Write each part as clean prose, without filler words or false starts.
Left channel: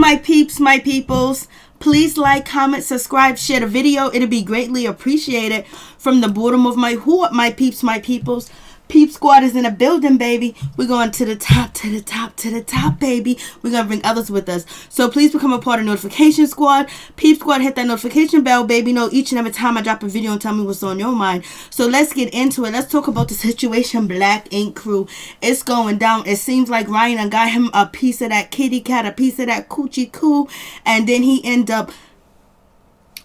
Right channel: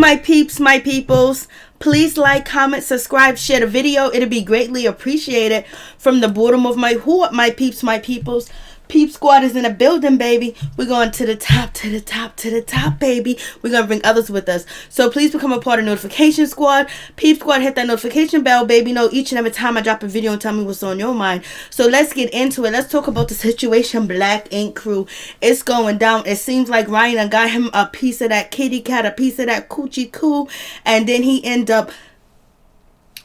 my peeps, my peoples. Please like, comment, subscribe, share the video. It'll be greatly appreciated. From the bottom of my heart, my peeps, my peoples. Peep Squad is in the building, baby. We're going to the top, to the top, to the top, baby. We're going to bring others with us. So please become a part of Notification Squad. Peep Squad, hit that notification bell, baby. Know each and every time I drop a video and tell me what's on your mind. So let's get into it. Let's talk about the situation, Black Ink Crew. It's going down. It seems like Ryan got him a piece of that kitty cat, a piece of that coochie coo. And then he ended up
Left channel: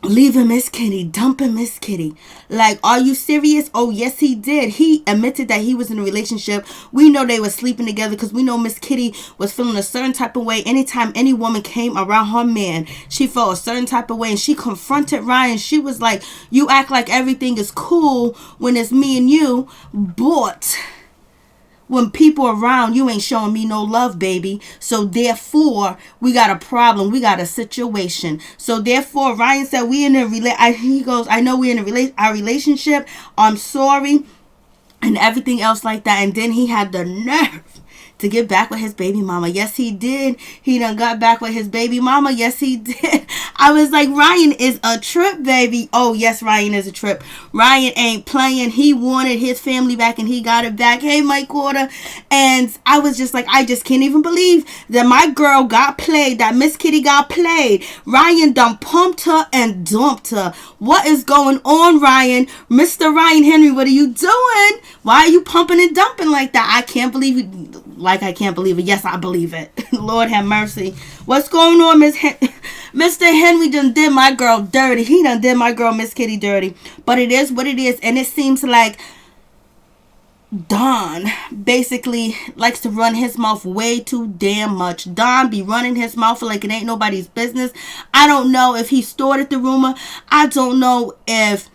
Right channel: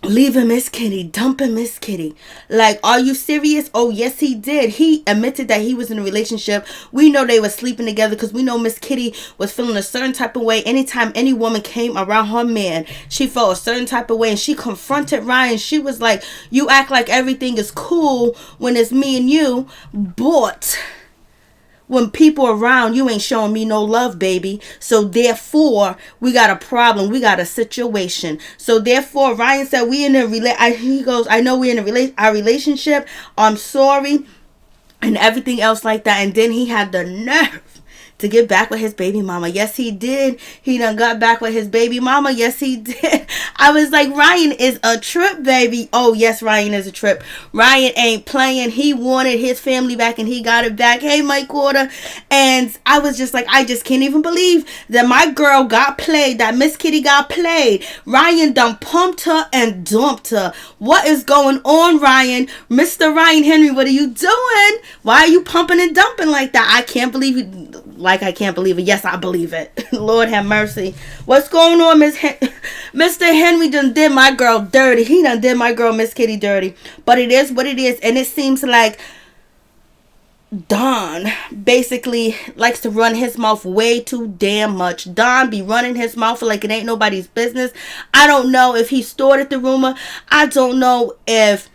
leaving Miss Kitty, dumping Miss Kitty. Like, are you serious? Oh, yes, he did. He admitted that he was in a relationship. We know they were sleeping together because we know Miss Kitty was feeling a certain type of way. Anytime any woman came around her man, she felt a certain type of way, and she confronted Ryan. She was like, you act like everything is cool when it's me and you, but when people around, you ain't showing me no love, baby. So therefore, we got a problem. We got a situation. So therefore, Ryan said, we in a he goes, I know we in our relationship. I'm sorry. And everything else like that. And then he had the nerve to get back with his baby mama. Yes, he did. He done got back with his baby mama. Yes, he did. I was like, Ryan is a trip, baby. Oh, yes, Ryan is a trip. Ryan ain't playing. He wanted his family back and he got it back. Hey, Mike Quarter. And I was just like, I just can't even believe that my girl got played, that Miss Kitty got played. Ryan done pumped her and dumped her. What is going on, Ryan? Mr. Ryan Henry, what are you doing? Why are you pumping and dumping like that? I can't believe it. Like, I can't believe it. Yes, I believe it. Lord have mercy. What's going on, Mr. Henry done did my girl dirty. He done did my girl, Miss Kitty, dirty. But it is what it is. And it seems like Don basically likes to run his mouth way too damn much. Don be running his mouth like it ain't nobody's business. I don't know if he started the rumor. I don't know if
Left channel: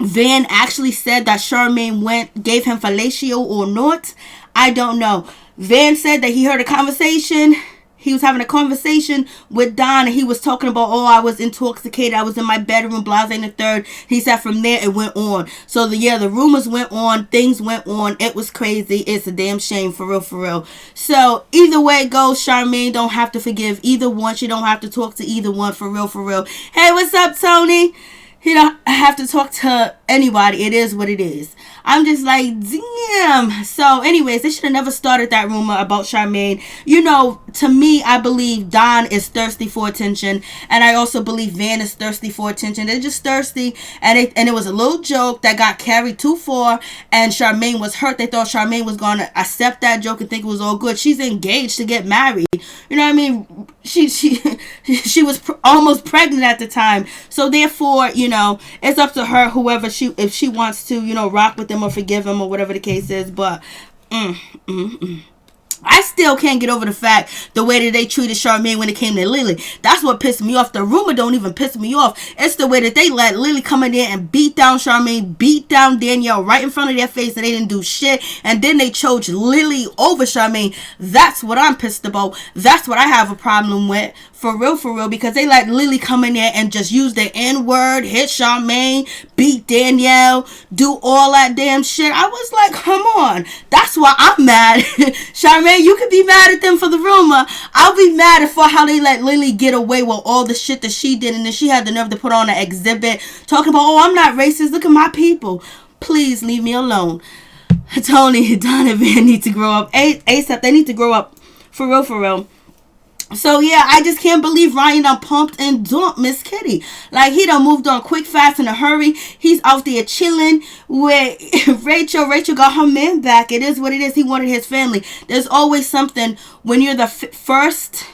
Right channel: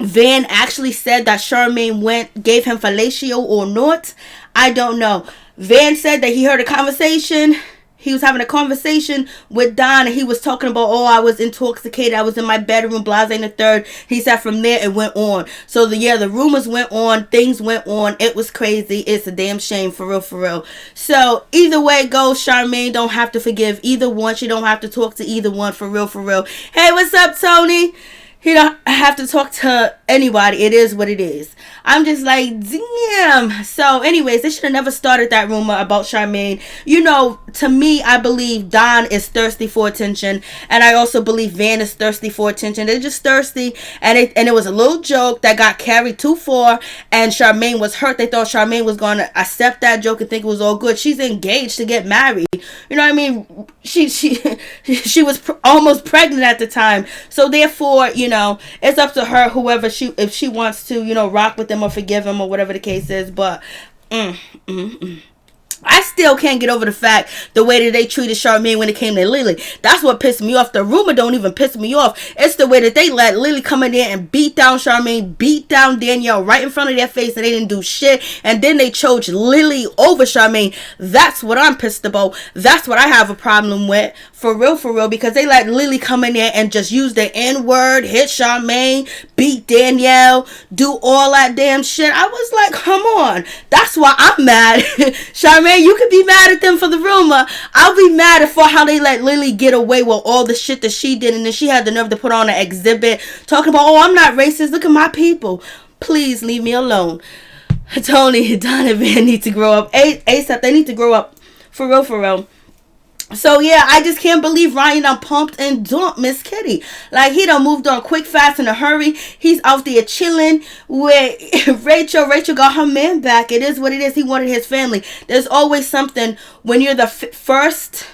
Van actually said that Charmaine gave him fellatio or not. I don't know. Van said that he heard a conversation. He was having a conversation with Don, and he was talking about, oh, I was intoxicated. I was in my bedroom, blase and the third. He said from there it went on. So, the rumors went on. Things went on. It was crazy. It's a damn shame, for real, for real. So, either way it goes, Charmaine don't have to forgive either one. She don't have to talk to either one, for real, for real. Hey, what's up, Tony? He don't have to talk to anybody. It is what it is. I'm just like, damn. So anyways, they should have never started that rumor about Charmaine. You know, to me, I believe Don is thirsty for attention. And I also believe Van is thirsty for attention. They're just thirsty. And it was a little joke that got carried too far. And Charmaine was hurt. They thought Charmaine was going to accept that joke and think it was all good. She's engaged to get married. You know what I mean? She was almost pregnant at the time. So therefore, you know, it's up to her, whoever if she wants to, you know, rock with him or forgive him or whatever the case is. But I still can't get over the fact the way that they treated Charmaine when it came to Lily. That's what pissed me off. The rumor don't even piss me off. It's the way that they let Lily come in there and beat down Charmaine, beat down Danielle right in front of their face, and they didn't do shit. And then they chose Lily over Charmaine. That's what I'm pissed about. That's what I have a problem with. For real, because they let Lily come in there and just use the N-word, hit Charmaine, beat Danielle, do all that damn shit. I was like, come on. That's why I'm mad. Charmaine, you could be mad at them for the rumor. I'll be mad at for how they let Lily get away with all the shit that she did, and then she had the nerve to put on an exhibit talking about, oh, I'm not racist. Look at my people. Please leave me alone. Tony, Don, and Van need to grow up. ASAP, they need to grow up. For real. So, yeah, I just can't believe Ryan done pumped and dumped Miss Kitty. Like, he done moved on quick, fast, in a hurry. He's out there chilling with Rachel. Rachel got her man back. It is what it is. He wanted his family. There's always something when you're the first.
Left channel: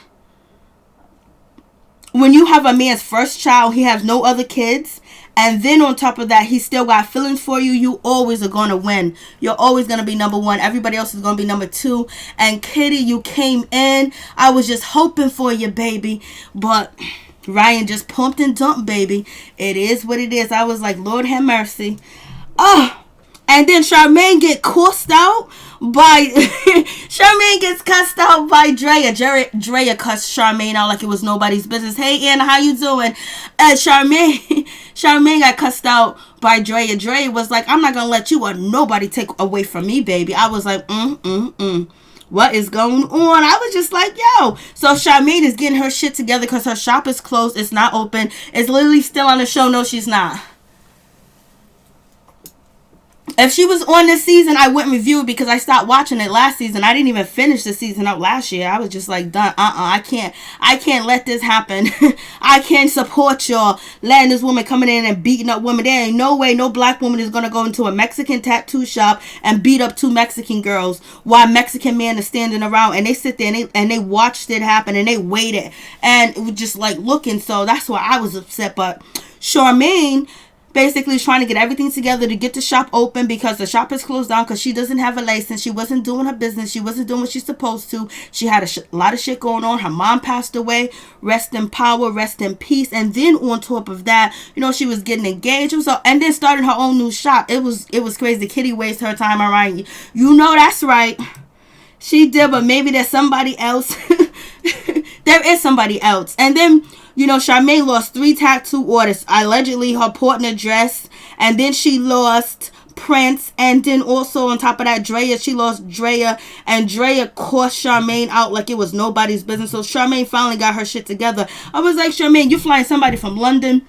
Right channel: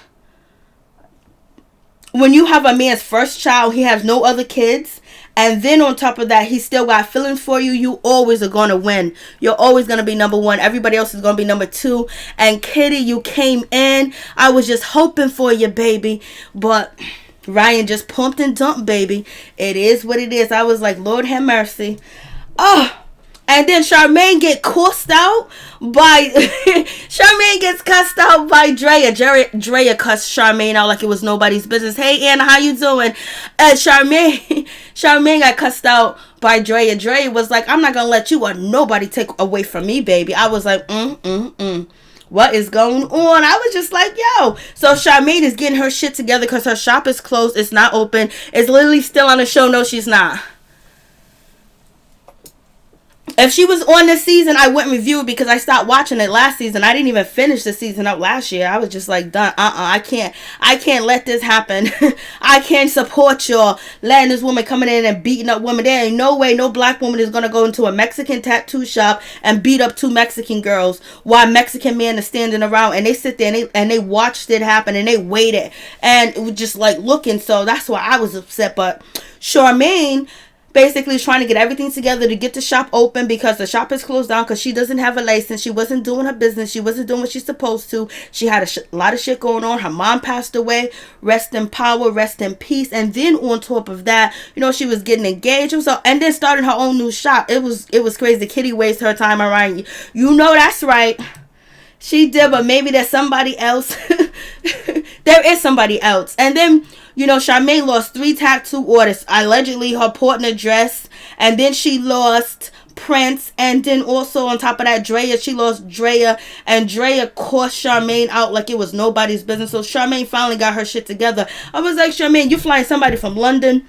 When you have a man's first child, he has no other kids. And then on top of that, he still got feelings for you. You always are going to win. You're always going to be number one. Everybody else is going to be number two. And Kitty, you came in. I was just hoping for you, baby. But Ryan just pumped and dumped, baby. It is what it is. I was like, Lord have mercy. Oh. And then Charmaine get cussed out by Charmaine gets cussed out by Drea. Drea cussed Charmaine out like it was nobody's business. Hey Anna, how you doing? And Charmaine got cussed out by Drea. Drea was like, I'm not gonna let you or nobody take away from me, baby. I was like, what is going on? I was just like, yo. So Charmaine is getting her shit together because her shop is closed. It's not open. It's literally still on the show. No, she's not. If she was on this season, I wouldn't review it because I stopped watching it last season. I didn't even finish the season up last year. I was just like, done. I can't let this happen. I can't support y'all letting this woman coming in and beating up women. There ain't no way no black woman is going to go into a Mexican tattoo shop and beat up 2 Mexican girls while Mexican men are standing around, and they sit there and they watched it happen and they waited and it was just like looking. So that's why I was upset. But Charmaine basically is trying to get everything together to get the shop open because the shop is closed down because she doesn't have a license. She wasn't doing her business. She wasn't doing what she's supposed to. She had a lot of shit going on. Her mom passed away. Rest in power. Rest in peace. And then on top of that, you know, she was getting engaged. And then starting her own new shop. It was crazy. Kitty wasted her time around. You know that's right. She did, but maybe there's somebody else. There is somebody else. And then, you know, Charmaine lost 3 tattoo artists. Allegedly, her partner dress. And then she lost Prince. And then also on top of that, Drea. She lost Drea. And Drea cost Charmaine out like it was nobody's business. So Charmaine finally got her shit together. I was like, Charmaine, you flying somebody from London.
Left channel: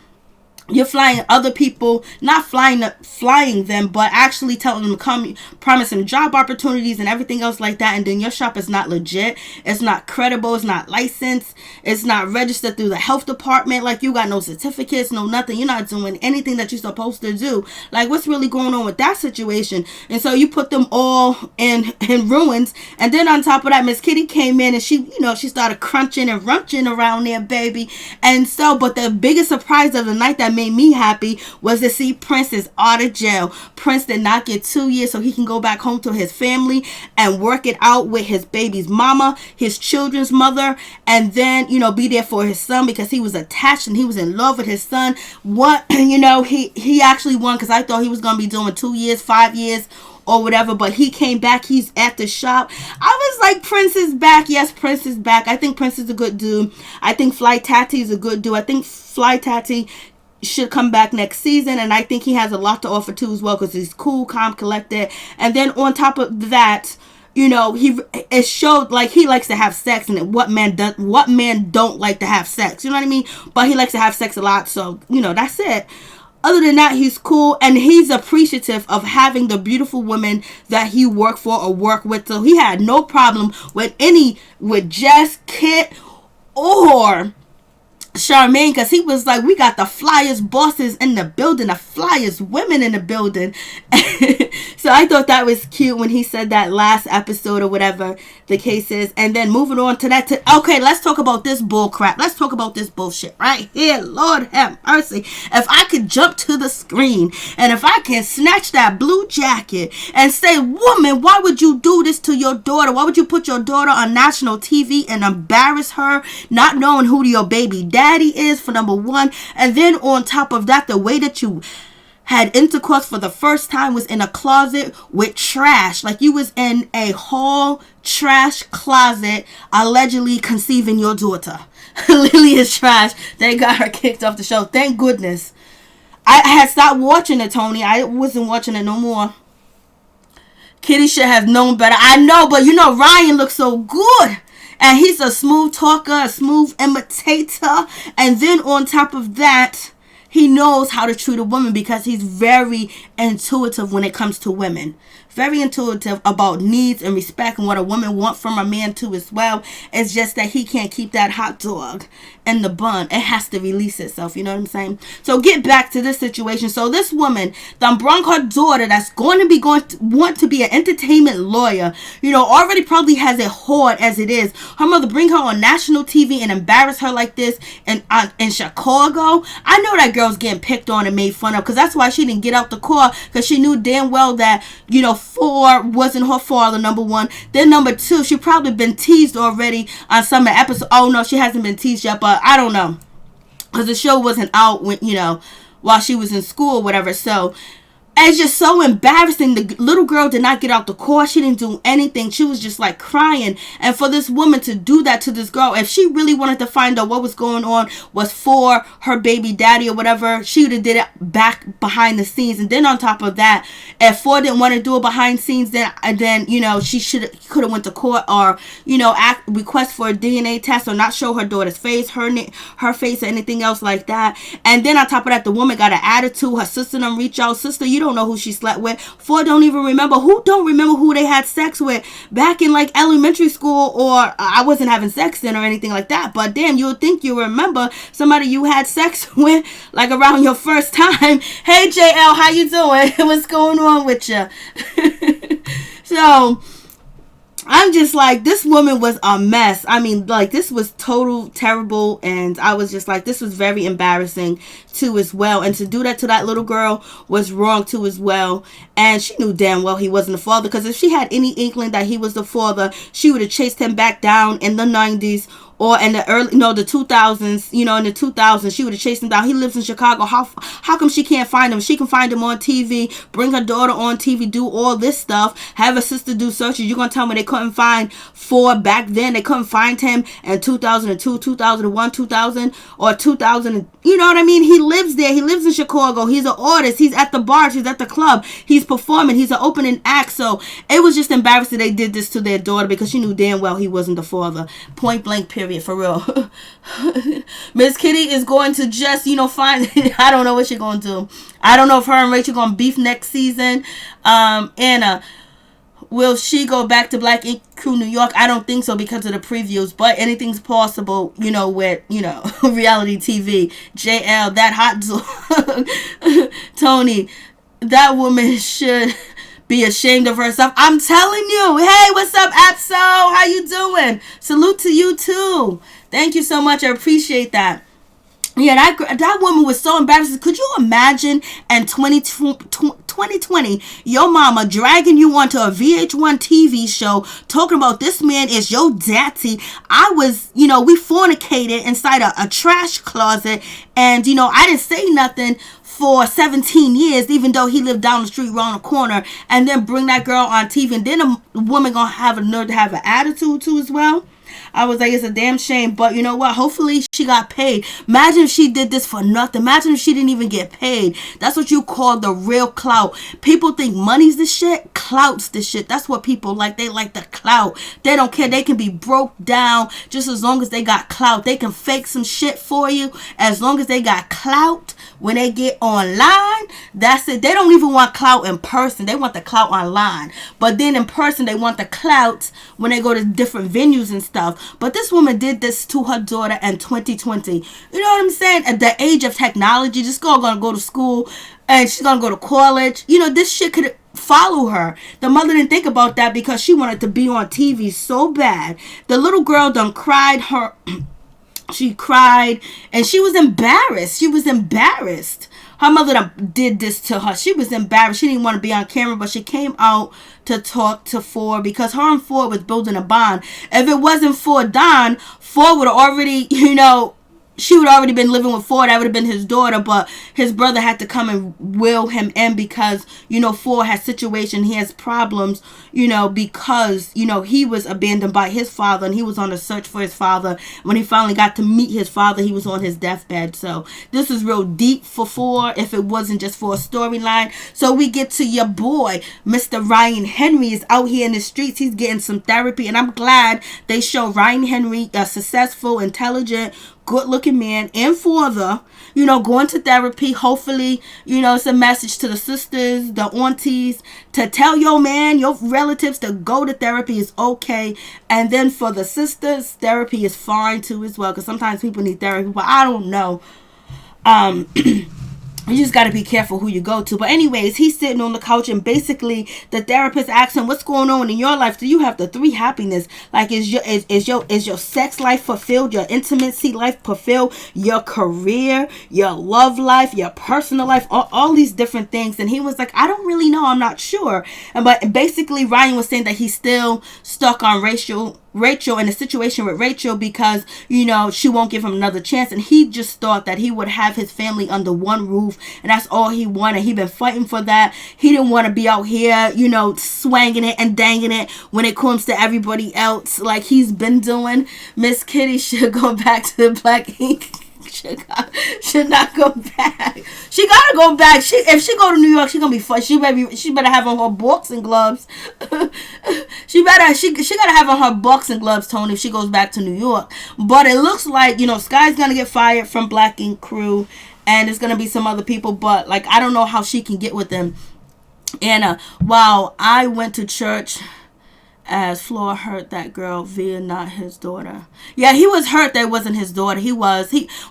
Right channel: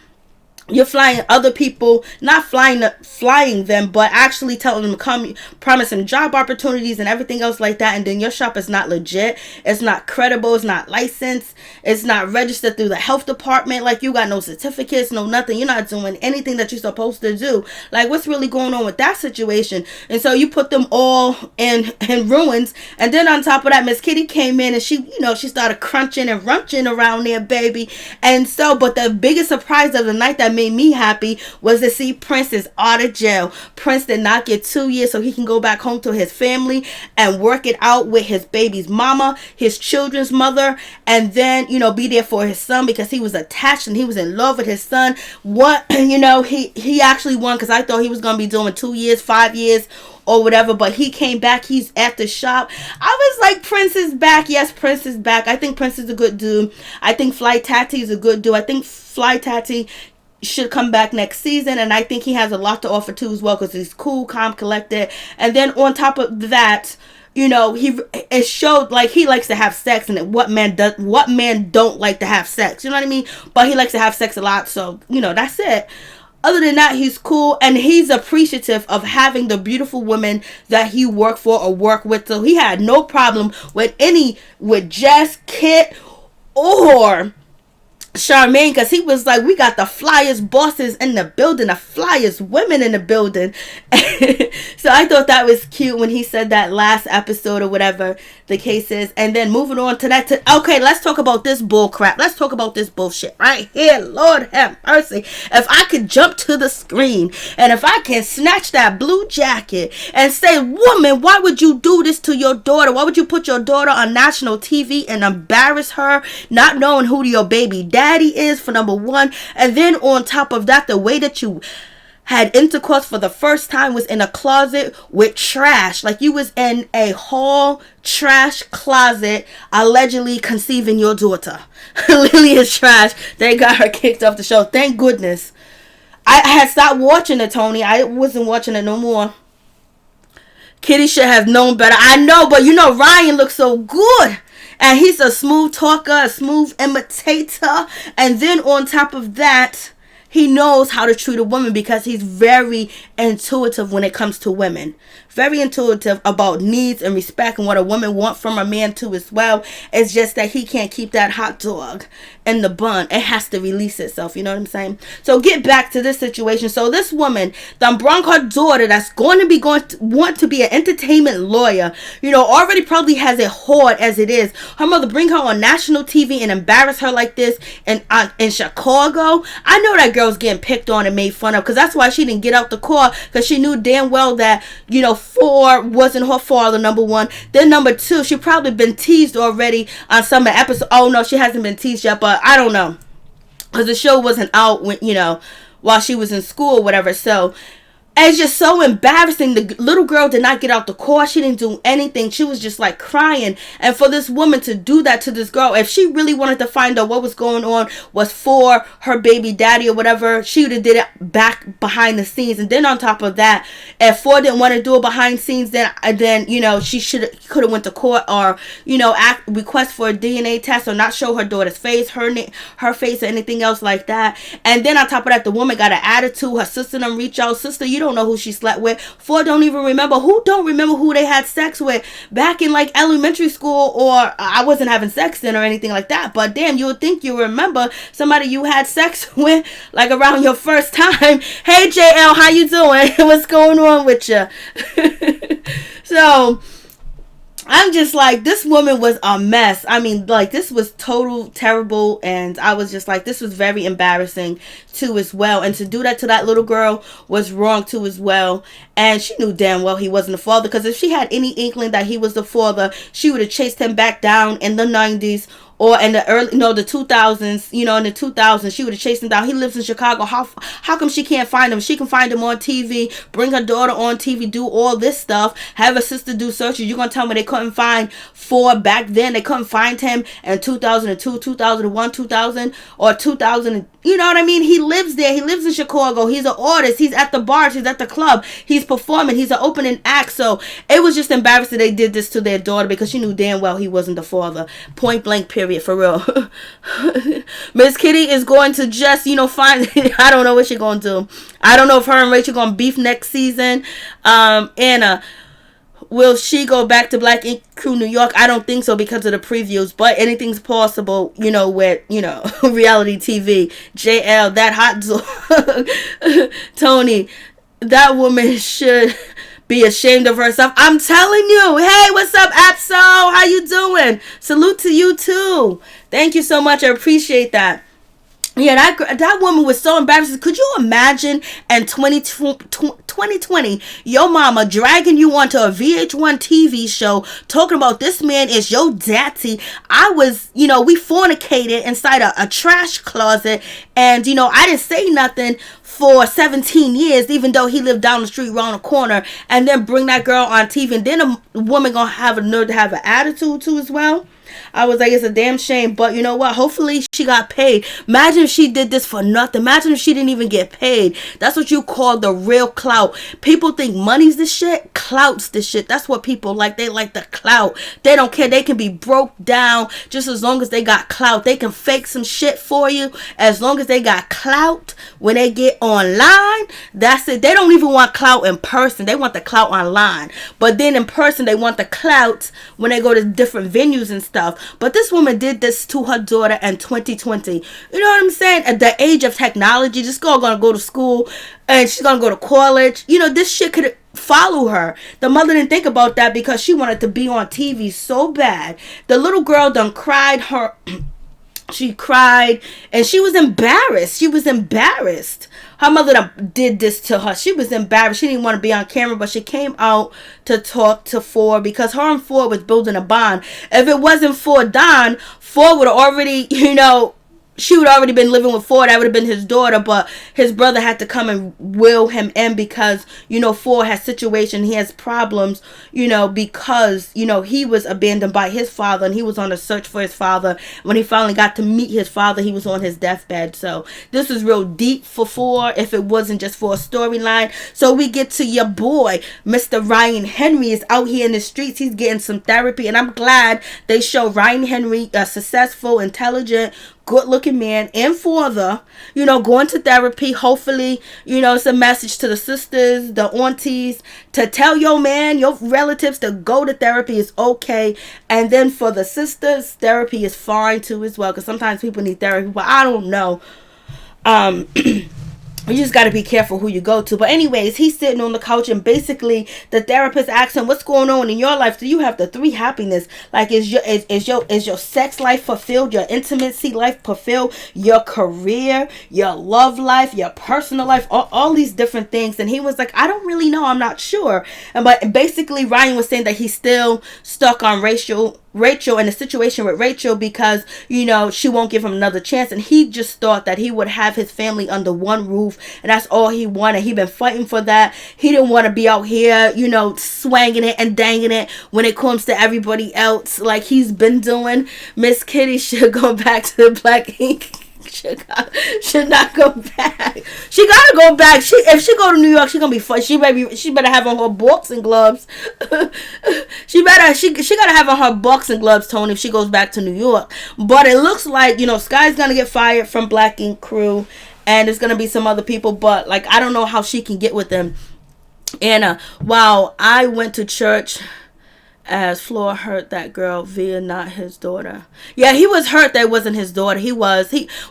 You're flying other people, not flying them, but actually telling them to come, promising job opportunities and everything else like that. And then your shop is not legit. It's not credible. It's not licensed. It's not registered through the health department. Like, you got no certificates, no nothing. You're not doing anything that you're supposed to do. Like, what's really going on with that situation? And so you put them all in ruins. And then on top of that, Miss Kitty came in and she started crunching and runching around there, baby. And so, but the biggest surprise of the night that made me happy was to see Prince is out of jail. Prince did not get 2 years so he can go back home to his family and work it out with his baby's mama, his children's mother, and then, you know, be there for his son because he was attached and he was in love with his son. What, you know, he actually won because I thought he was going to be doing 2 years, 5 years, or whatever, but he came back. He's at the shop. I was like, Prince is back. Yes, Prince is back. I think Prince is a good dude. I think Fly Tati is a good dude. I think Fly Tati should come back next season, and I think he has a lot to offer too as well because he's cool, calm, collected. And then on top of that, you know, it showed like he likes to have sex, and what man don't like to have sex, you know what I mean? But he likes to have sex a lot, so you know, that's it. Other than that, he's cool, and he's appreciative of having the beautiful women that he worked for or work with. So he had no problem with Jess, Kit, or Charmaine, because he was like, we got the flyest bosses in the building, the flyest women in the building. So I thought that was cute when he said that last episode or whatever the case is. And then moving on to that. Okay, let's talk about this bull crap. Let's talk about this bullshit right here. Lord have mercy. If I could jump to the screen and if I can snatch that blue jacket and say, woman, why would you do this to your daughter? Why would you put your daughter on national TV and embarrass her, not knowing who your baby daddy is, for number one? And then on top of that, the way that you had intercourse for the first time was in a closet with trash. Like you was in a hall trash closet, allegedly conceiving your daughter. Lily is trash. They got her kicked off the show. Thank goodness. I had stopped watching it, Tony. I wasn't watching it no more. Kitty should have known better. I know, but you know, Ryan looks so good. And he's a smooth talker, a smooth imitator. And then on top of that, he knows how to treat a woman because he's very intuitive when it comes to women. Very intuitive about needs and respect and what a woman wants from a man too as well. It's just that he can't keep that hot dog in the bun. It has to release itself. You know what I'm saying? So get back to this situation. So this woman, done brung her daughter that's want to be an entertainment lawyer, you know, already probably has it hard as it is. Her mother bring her on national TV and embarrass her like this in Chicago. I know that girl's getting picked on and made fun of because that's why she didn't get out the car, because she knew damn well that, you know, Ford wasn't her father, number one. Then number two, she probably been teased already on some episode. Oh no, she hasn't been teased yet, but I don't know, because the show wasn't out when, you know, while she was in school or whatever. So it's just so embarrassing. The little girl did not get out the car. She didn't do anything. She was just like crying. And for this woman to do that to this girl, if she really wanted to find out what was going on was for her baby daddy or whatever, she would have did it back behind the scenes. And then on top of that, if Ford didn't want to do it behind scenes, then she could have went to court or request for a DNA test or not show her daughter's face, her face or anything else like that. And then on top of that, the woman got an attitude. Her sister done reach out. Sister, you don't know who she slept with. Ford don't even remember. Who don't remember who they had sex with back in like elementary school? Or I wasn't having sex then or anything like that. But damn, you would think you remember somebody you had sex with like around your first time. Hey JL, how you doing? What's going on with you? So I'm just like, this woman was a mess. I mean, like, this was total terrible. And I was just like, this was very embarrassing too as well. And to do that to that little girl was wrong too as well. And she knew damn well he wasn't the father. Because if she had any inkling that he was the father, she would have chased him back down in the 90s. Or in the the 2000s, in the 2000s, she would have chased him down. He lives in Chicago. How come she can't find him? She can find him on TV, bring her daughter on TV, do all this stuff, have her sister do searches. You're going to tell me they couldn't find Ford back then? They couldn't find him in 2002, 2001, 2000, or 2000. You know what I mean? He lives there. He lives in Chicago. He's an artist. He's at the bars. He's at the club. He's performing. He's an opening act. So it was just embarrassing they did this to their daughter because she knew damn well he wasn't the father. Point blank, period. For real. Miss Kitty is going to just find I don't know what she's going to do. I don't know if her and Rachel going to beef next season. Anna, will she go back to Black Ink Crew New York? I don't think so because of the previews, but anything's possible, with reality TV. JL, that hot dog. Tony, that woman should be ashamed of herself. I'm telling you. Hey, what's up, Apso? How you doing? Salute to you too. Thank you so much. I appreciate that. Yeah, that woman was so embarrassing. Could you imagine in 2020, your mama dragging you onto a VH1 TV show talking about this man is your daddy? I was, we fornicated inside a trash closet, and, I didn't say nothing for 17 years, even though he lived down the street around the corner, and then bring that girl on TV, and then a woman gonna have a nerve to have an attitude too as well. I was like, it's a damn shame. But you know what? Hopefully she got paid. Imagine if she did this for nothing. Imagine if she didn't even get paid. That's what you call the real clout. People think money's the shit. Clout's the shit. That's what people like. They like the clout. They don't care. They can be broke down just as long as they got clout. They can fake some shit for you as long as they got clout. When they get online, that's it. They don't even want clout in person. They want the clout online. But then in person, they want the clout when they go to different venues and stuff. But this woman did this to her daughter in 2020. You know what I'm saying? At the age of technology, this girl gonna go to school and she's gonna go to college. This shit could follow her. The mother didn't think about that because she wanted to be on TV so bad. The little girl done cried her. She cried and she was embarrassed. Her mother did this to her. She was embarrassed. She didn't want to be on camera, but she came out to talk to Ford because her and Ford was building a bond. If it wasn't for Don, Ford would have already, she would already been living with Ford. That would have been his daughter, but his brother had to come and will him in because, Ford has situation. He has problems, because, he was abandoned by his father and he was on a search for his father. When he finally got to meet his father, he was on his deathbed. So this is real deep for Ford if it wasn't just for a storyline. So we get to your boy, Mr. Ryan Henry is out here in the streets. He's getting some therapy, and I'm glad they show Ryan Henry a successful, intelligent, good-looking man and father, going to therapy. Hopefully, it's a message to the sisters, the aunties, to tell your man, your relatives to go to therapy is okay. And then for the sisters, therapy is fine too as well, because sometimes people need therapy, but I don't know. You just got to be careful who you go to. But anyways, he's sitting on the couch and basically the therapist asks him, what's going on in your life? Do you have the three happiness? Like, is your sex life fulfilled? Your intimacy life fulfilled? Your career, your love life, your personal life, all these different things. And he was like, I don't really know. I'm not sure. But basically Ryan was saying that he's still stuck on Rachel Rachel in a situation with Rachel because, you know, she won't give him another chance. And he just thought that he would have his family under one roof. And that's all he wanted. He been fighting for that. He didn't want to be out here, you know, swanging it and danging it when it comes to everybody else like he's been doing. Miss Kitty should go back to the Black Ink. Should not go back. She gotta go back. If she go to New York, she gonna be fun. She better have on her boxing gloves. she gotta have on her boxing gloves, Tony, if she goes back to New York. But it looks like, you know, Sky's gonna get fired from Black Ink crew, and there's gonna be some other people. But like, I don't know how she can get with them. And while I went to church, as Floor hurt that girl via not his daughter. Yeah, he was hurt that it wasn't his daughter.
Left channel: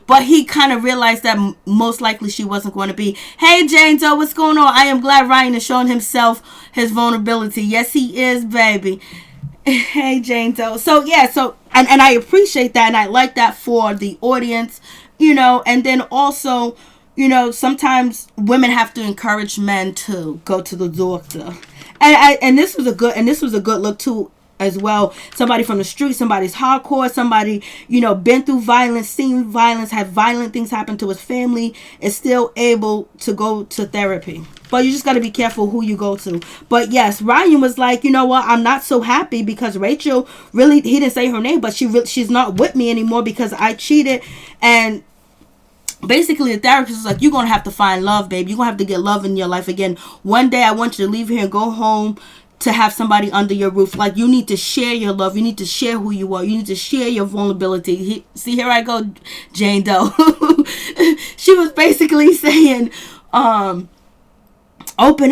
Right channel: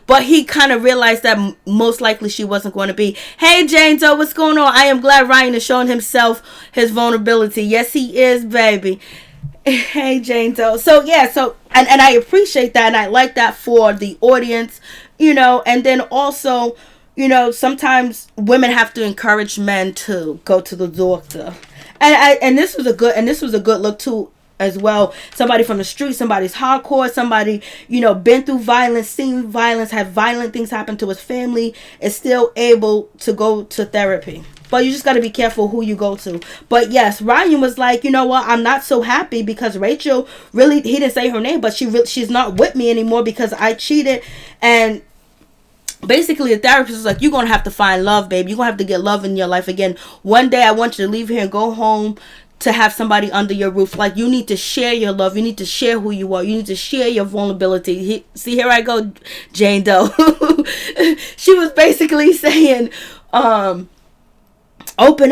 But he kind of realized that most likely she wasn't going to be. Hey, Jane Doe, what's going on? I am glad Ryan is showing himself his vulnerability. Yes, he is, baby. Hey, Jane Doe. So, yeah, and I appreciate that, and I like that for the audience, you know, and then also, you know, sometimes women have to encourage men to go to the doctor. And this was a good look too as well. Somebody from the street, somebody's hardcore, somebody, you know, been through violence, seen violence, had violent things happen to his family, is still able to go to therapy. But you just got to be careful who you go to. But yes, Ryan was like, you know what, I'm not so happy because Rachel really, he didn't say her name, but she's not with me anymore because I cheated. And basically, the therapist was like, you're going to have to find love, baby. You're going to have to get love in your life again. One day, I want you to leave here and go home to have somebody under your roof. Like, you need to share your love. You need to share who you are. You need to share your vulnerability. See, here I go, Jane Doe. She was basically saying, open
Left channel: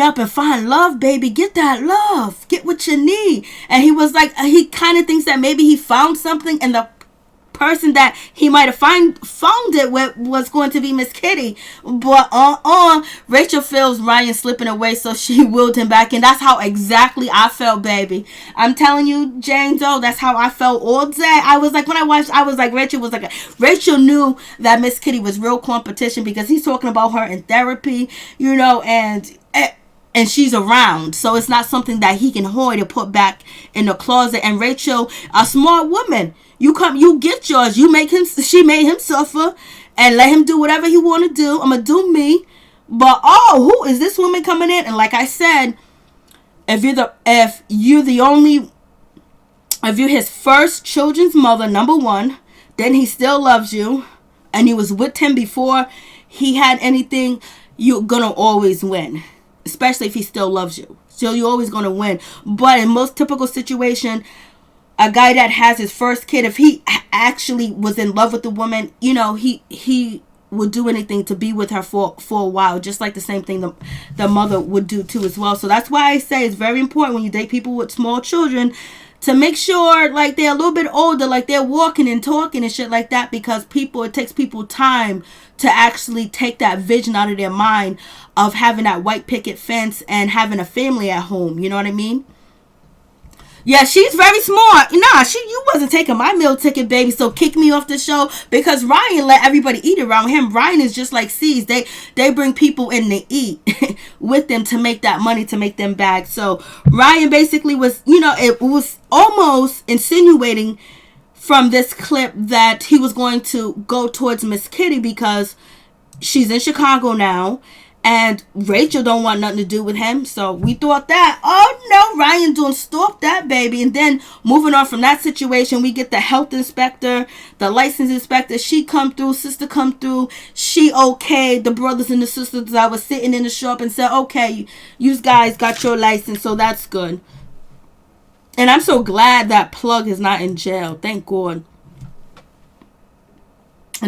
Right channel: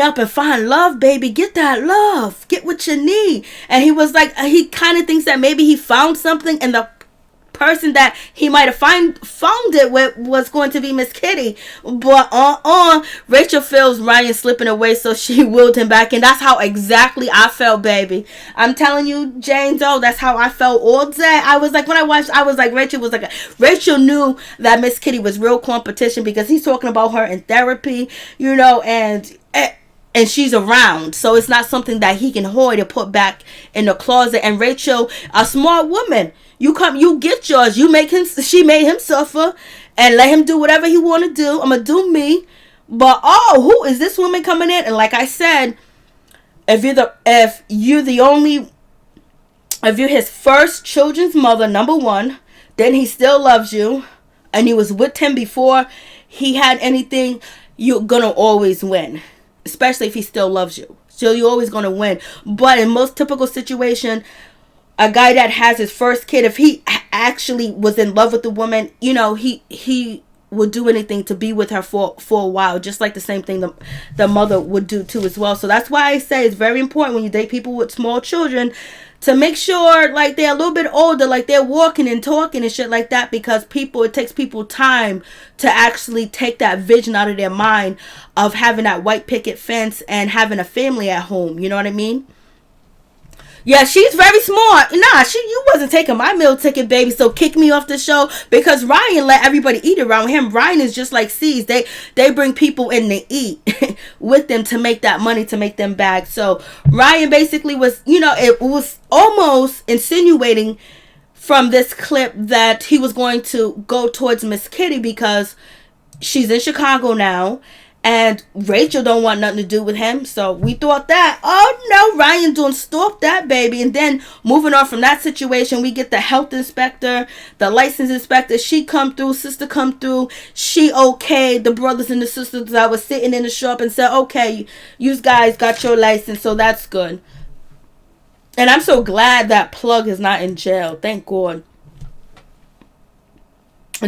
up and find love, baby. Get that love. Get what you need. And he was like, he kind of thinks that maybe he found something, and the person that he might have found it with was going to be Miss Kitty. But Rachel feels Ryan slipping away, so she willed him back. And that's how exactly I felt, baby. I'm telling you, Jane Doe, that's how I felt all day. I was like, when I watched, I was like, Rachel knew that Miss Kitty was real competition because he's talking about her in therapy, you know, and she's around, so it's not something that he can hoard or put back in the closet. And Rachel, a smart woman, you get yours. She made him suffer, and let him do whatever he want to do. I'm gonna do me. But who is this woman coming in? And like I said, if you're his first children's mother, number one, then he still loves you, and you was with him before he had anything, you're gonna always win. Especially if he still loves you. So you're always going to win. But in most typical situation, a guy that has his first kid, if he actually was in love with the woman, you know, he would do anything to be with her for a while. Just like the same thing the mother would do too as well. So that's why I say it's very important when you date people with small children to make sure like they're a little bit older, like they're walking and talking and shit like that, because it takes people time to actually take that vision out of their mind of having that white picket fence and having a family at home. You know what I mean? Yeah, she's very smart. Nah, you wasn't taking my meal ticket, baby, so kick me off the show, because Ryan let everybody eat around him. Ryan is just like C's. They bring people in to eat with them to make that money, to make them bag. So Ryan basically was, you know, it was almost insinuating from this clip that he was going to go towards Miss Kitty because she's in Chicago now. And Rachel don't want nothing to do with him. So we thought that, oh no, Ryan don't stop that, baby. And then moving on from that situation, we get the health inspector, the license inspector. She come through, sister come through. She okayed the brothers and the sisters that was sitting in the shop and said, okay, you guys got your license, so that's good. And I'm so glad that Plug is not in jail. Thank God.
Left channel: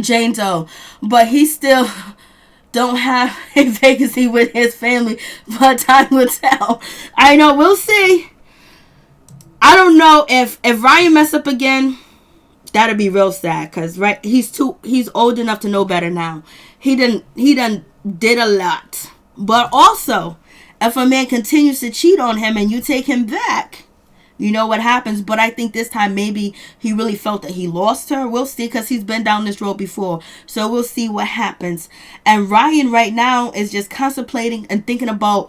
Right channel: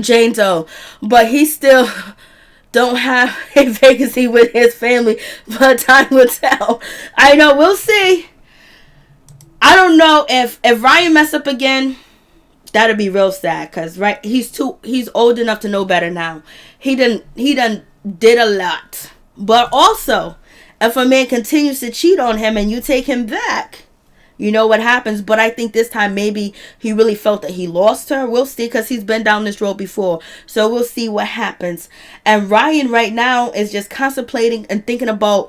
Jane Doe. But he still don't have a vacancy with his family, but time will tell. I know, we'll see. I don't know if Ryan mess up again, that'll be real sad, because right, he's old enough to know better now. He done did a lot. But also, if a man continues to cheat on him and you take him back, you know what happens. But I think this time maybe he really felt that he lost her. We'll see, because he's been down this road before. So we'll see what happens. And Ryan right now is just contemplating and thinking about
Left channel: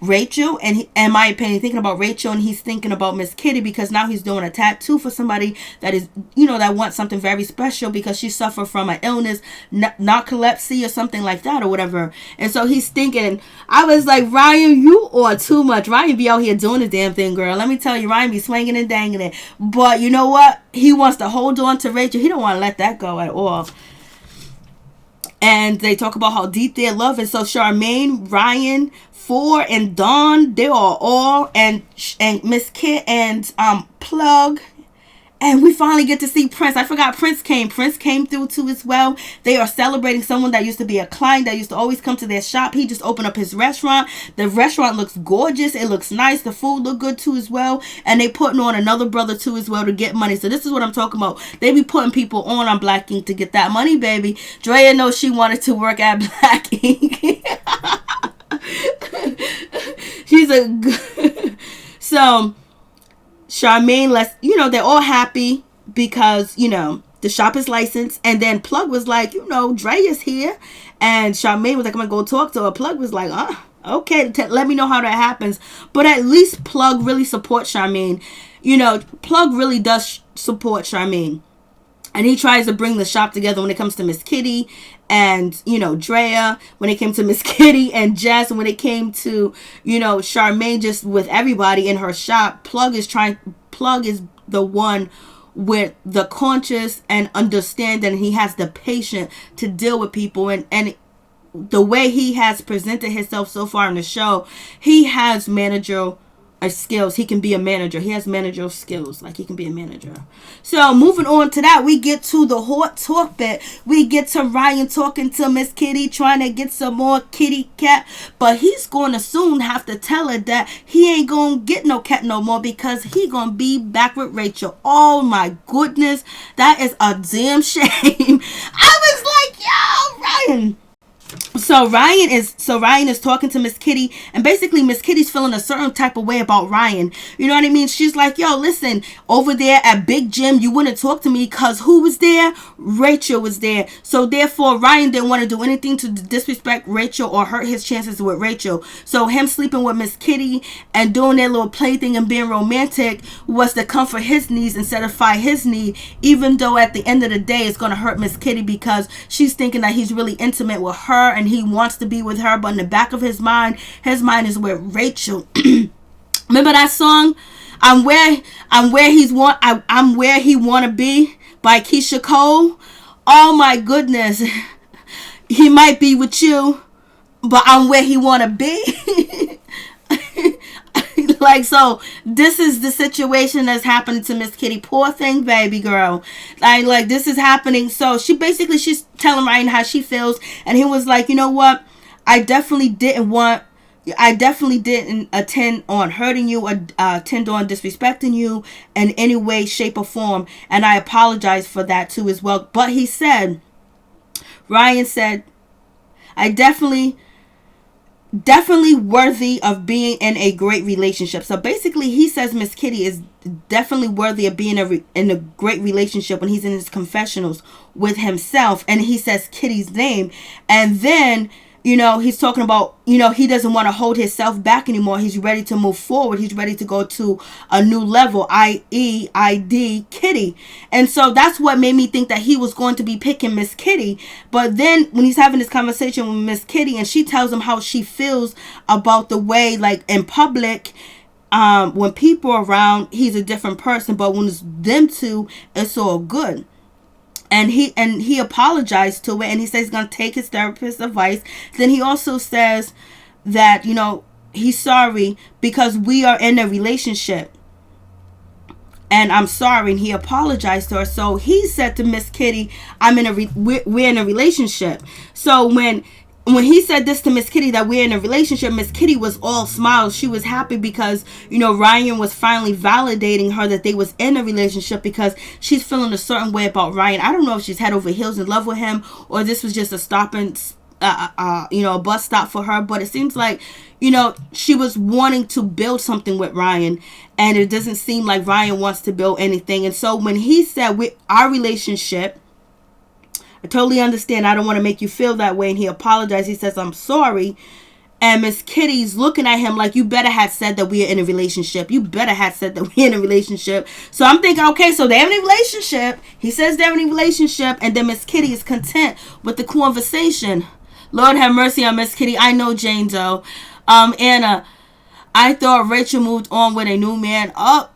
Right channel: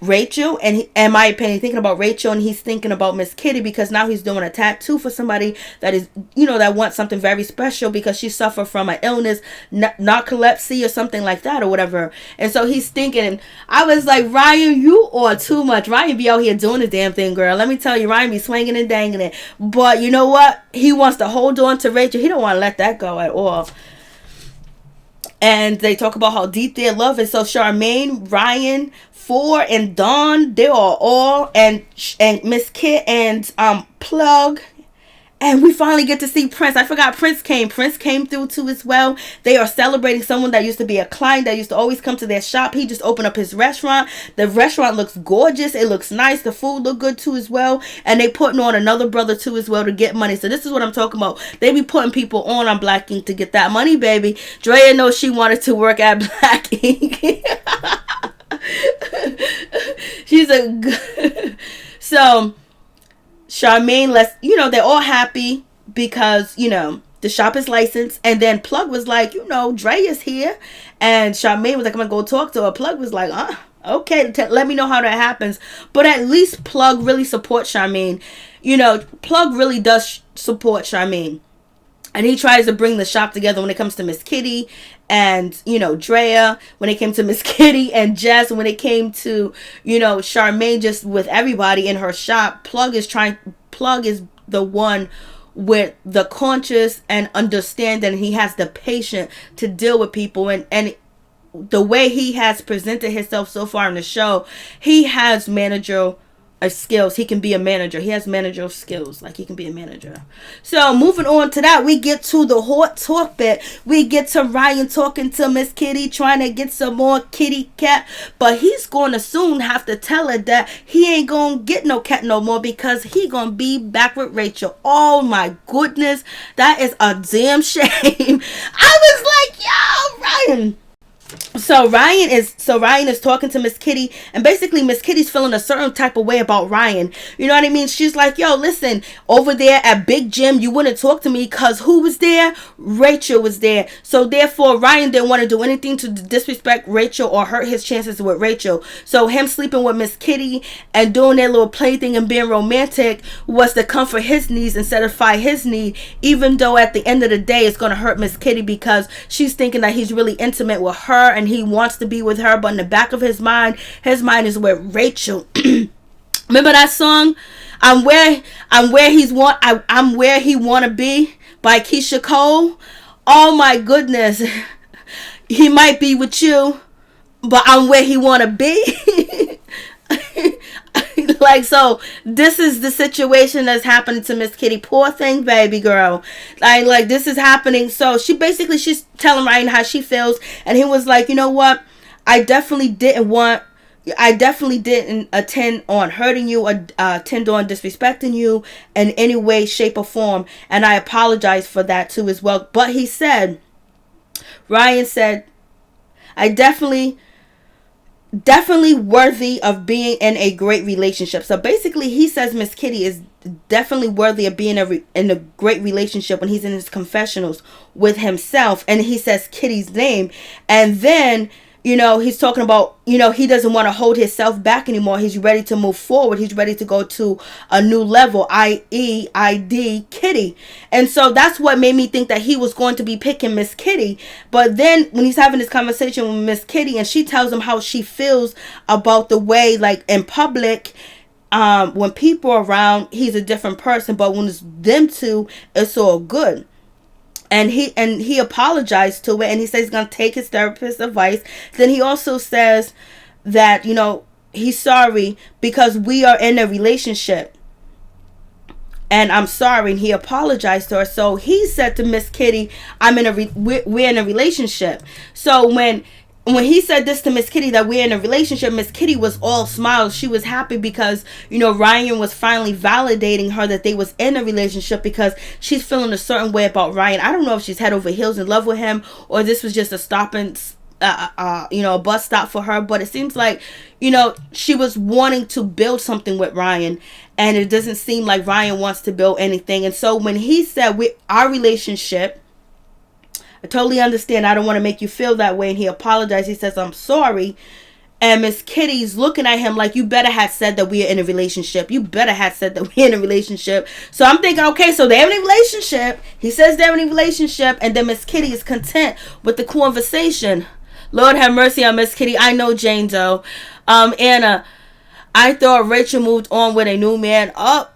Rachel, and in my opinion, thinking about Rachel, and he's thinking about Miss Kitty, because now he's doing a tattoo for somebody that is, that wants something very special because she suffered from an illness, narcolepsy or something like that or whatever. And so he's thinking, I was like, Ryan, you are too much. Ryan be out here doing the damn thing, girl. Let me tell you, Ryan be swinging and dangling it. But you know what? He wants to hold on to Rachel. He don't want to let that go at all. And they talk about how deep their love is. So Charmaine, Ryan, Four, and Dawn, they are all, and Miss Kit and Plug. And we finally get to see Prince. I forgot Prince came. Prince came through too as well. They are celebrating someone that used to be a client that used to always come to their shop. He just opened up his restaurant. The restaurant looks gorgeous. It looks nice. The food look good too as well. And they putting on another brother too as well to get money. So this is what I'm talking about. They be putting people on Black Ink to get that money, baby. Drea knows she wanted to work at Black Ink. She's a good... So... Charmaine, they're all happy because, the shop is licensed. And then Plug was like, Dre is here. And Charmaine was like, I'm going to go talk to her. Plug was like, okay, let me know how that happens. But at least Plug really supports Charmaine. Plug really does support Charmaine. And he tries to bring the shop together when it comes to Miss Kitty and, Drea, when it came to Miss Kitty and Jess, when it came to, Charmaine, just with everybody in her shop. Plug is the one with the conscious and understanding. He has the patience to deal with people, and the way he has presented himself so far in the show, he has managerial skills. He can be a manager. He has managerial skills. Like, he can be a manager. So moving on to that, we get to the hot talk bit. We get to Ryan talking to Miss Kitty, trying to get some more kitty cat, but he's going to soon have to tell her that he ain't going to get no cat no more because he going to be back with Rachel. Oh my goodness, that is a damn shame. I was like, yo, Ryan. So Ryan is talking to Miss Kitty, and basically Miss Kitty's feeling a certain type of way about Ryan. You know what I mean? She's like, yo, listen, over there at Big Jim, you wouldn't talk to me because who was there? Rachel was there. So therefore, Ryan didn't want to do anything to disrespect Rachel or hurt his chances with Rachel. So him sleeping with Miss Kitty and doing that little plaything and being romantic was to comfort his needs and satisfy his need, even though at the end of the day, it's going to hurt Miss Kitty because she's thinking that he's really intimate with her and he wants to be with her, but in the back of his mind is with Rachel. Remember that song, I'm where he wanna be, by Keisha Cole? Oh my goodness. He might be with you, but I'm where he wanna be. Like, so this is the situation that's happening to Miss Kitty. Poor thing, baby girl. Like this is happening. So she's telling Ryan how she feels, and he was like, you know what? I definitely didn't intend on hurting you or intend on disrespecting you in any way, shape, or form, and I apologize for that too as well. But Ryan said, I definitely worthy of being in a great relationship. So basically he says Miss Kitty is definitely worthy of being in a great relationship when he's in his confessionals with himself, and he says Kitty's name, and then he's talking about, he doesn't want to hold himself back anymore. He's ready to move forward. He's ready to go to a new level, i.e. ID Kitty. And so that's what made me think that he was going to be picking Miss Kitty. But then when he's having this conversation with Miss Kitty and she tells him how she feels about the way, like in public, when people are around, he's a different person. But when it's them two, it's all good. And he apologized to it, and he says he's going to take his therapist's advice. Then he also says that, he's sorry because we are in a relationship. And I'm sorry, and he apologized to her. So he said to Miss Kitty, we're in a relationship. So when he said this to Miss Kitty, that we're in a relationship, Miss Kitty was all smiles. She was happy because, Ryan was finally validating her that they was in a relationship, because she's feeling a certain way about Ryan. I don't know if she's head over heels in love with him, or this was just a a bus stop for her. But it seems like, she was wanting to build something with Ryan, and it doesn't seem like Ryan wants to build anything. And so when he said our relationship, I totally understand. I don't want to make you feel that way. And he apologized. He says, I'm sorry. And Miss Kitty's looking at him like, you better have said that we are in a relationship. You better have said that we're in a relationship. So I'm thinking, okay, so they're in a relationship. He says they're in a relationship. And then Miss Kitty is content with the conversation. Lord have mercy on Miss Kitty. I know Jane Doe. Anna, I thought Rachel moved on with a new man. Oh,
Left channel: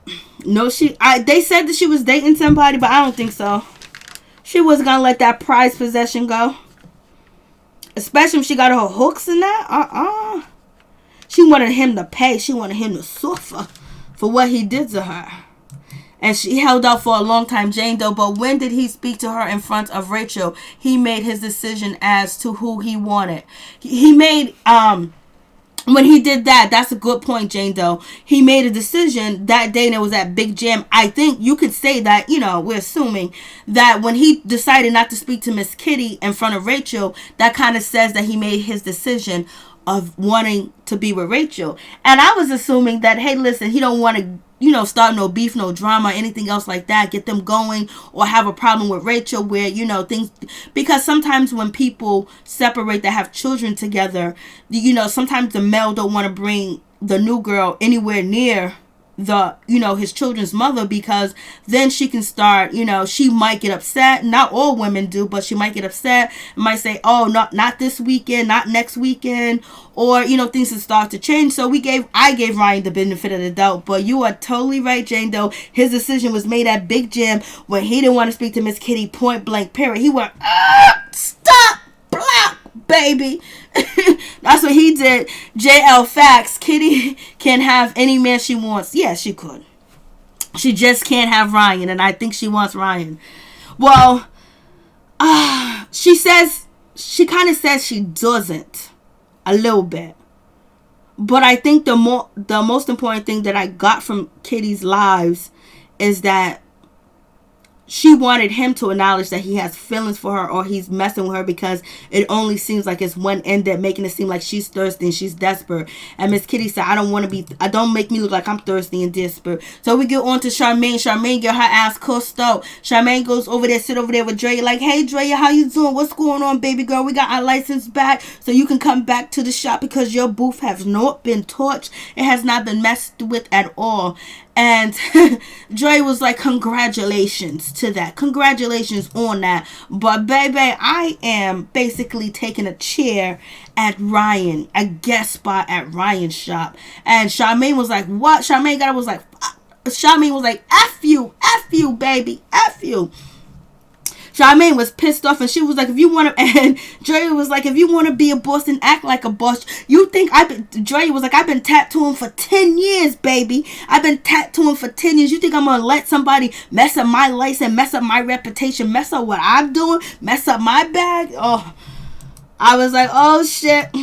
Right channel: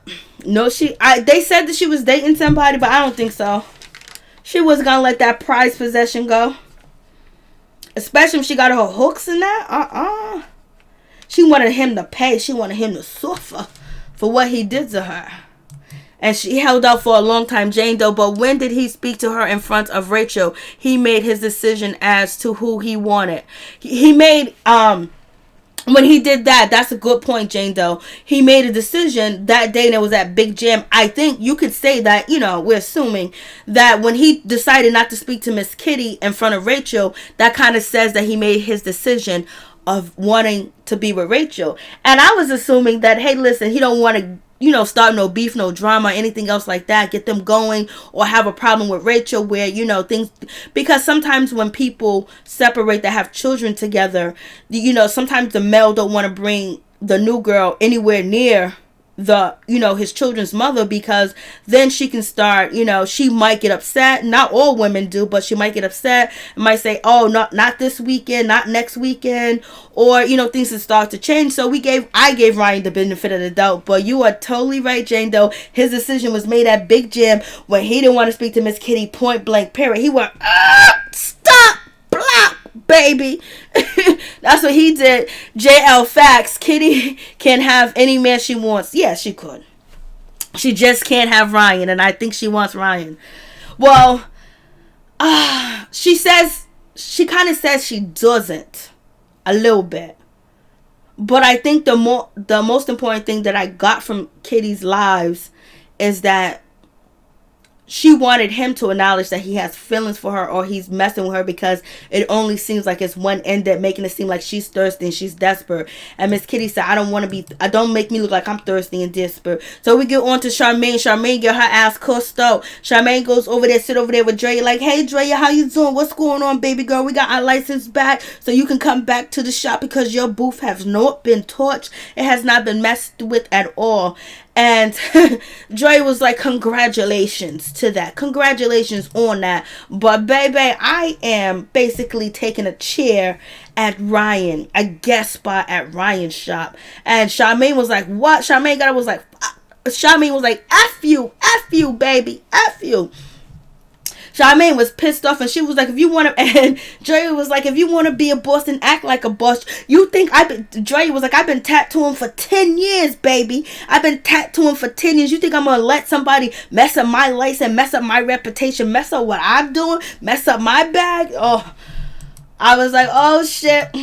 no, they said that she was dating somebody, but I don't think so. She wasn't going to let that prized possession go. Especially if she got her hooks in that. She wanted him to pay. She wanted him to suffer for what he did to her. And she held out for a long time, Jane Doe. But when did he speak to her in front of Rachel? He made his decision as to who he wanted. He made, when he did that, that's a good point, Jane Doe. He made a decision that day and it was at Big Jam. I think you could say that, we're assuming that when he decided not to speak to Miss Kitty in front of Rachel, that kind of says that he made his decision of wanting to be with Rachel. And I was assuming that, hey, listen, he don't want to, start no beef, no drama, anything else like that, get them going, or have a problem with Rachel where, things, because sometimes when people separate that have children together, sometimes the male don't want to bring the new girl anywhere near his children's mother, because then she can start, she might get upset. Not all women do, but she might get upset and might say, oh, not this weekend, not next weekend, or, things will start to change. So I gave Ryan the benefit of the doubt, but you are totally right, Jane Doe. His decision was made at Big Jam when he didn't want to speak to Miss Kitty, point blank period. He went, stop, blah, baby. That's what he did. JL facts. Kitty can have any man she wants. Yeah, she could. She just can't have Ryan, and I think she wants Ryan. Well, she kind of says she doesn't, a little bit. But I think the most important thing that I got from Kitty's lives is that she wanted him to acknowledge that he has feelings for her, or he's messing with her, because it only seems like it's one ended, making it seem like she's thirsty and she's desperate. And Miss Kitty said, don't make me look like I'm thirsty and desperate. So we get on to Charmaine. Charmaine get her ass cussed out. Charmaine goes over there, sit over there with Drea, like, hey Drea, how you doing? What's going on, baby girl? We got our license back, so you can come back to the shop because your booth has not been touched. It has not been messed with at all. And Dre was like, congratulations to that. Congratulations on that. But baby, I am basically taking a chair at Ryan, a guest spot at Ryan's shop. And Charmaine was like, what? Charmaine was like, F you, baby, F you. Charmaine was pissed off, and she was like, and Dre was like, if you want to be a boss and act like a boss, Dre was like, I've been tattooing for 10 years, baby. I've been tattooing for 10 years. You think I'm going to let somebody mess up my license, mess up my reputation, mess up what I'm doing, mess up my bag? Oh, I was like, oh, shit.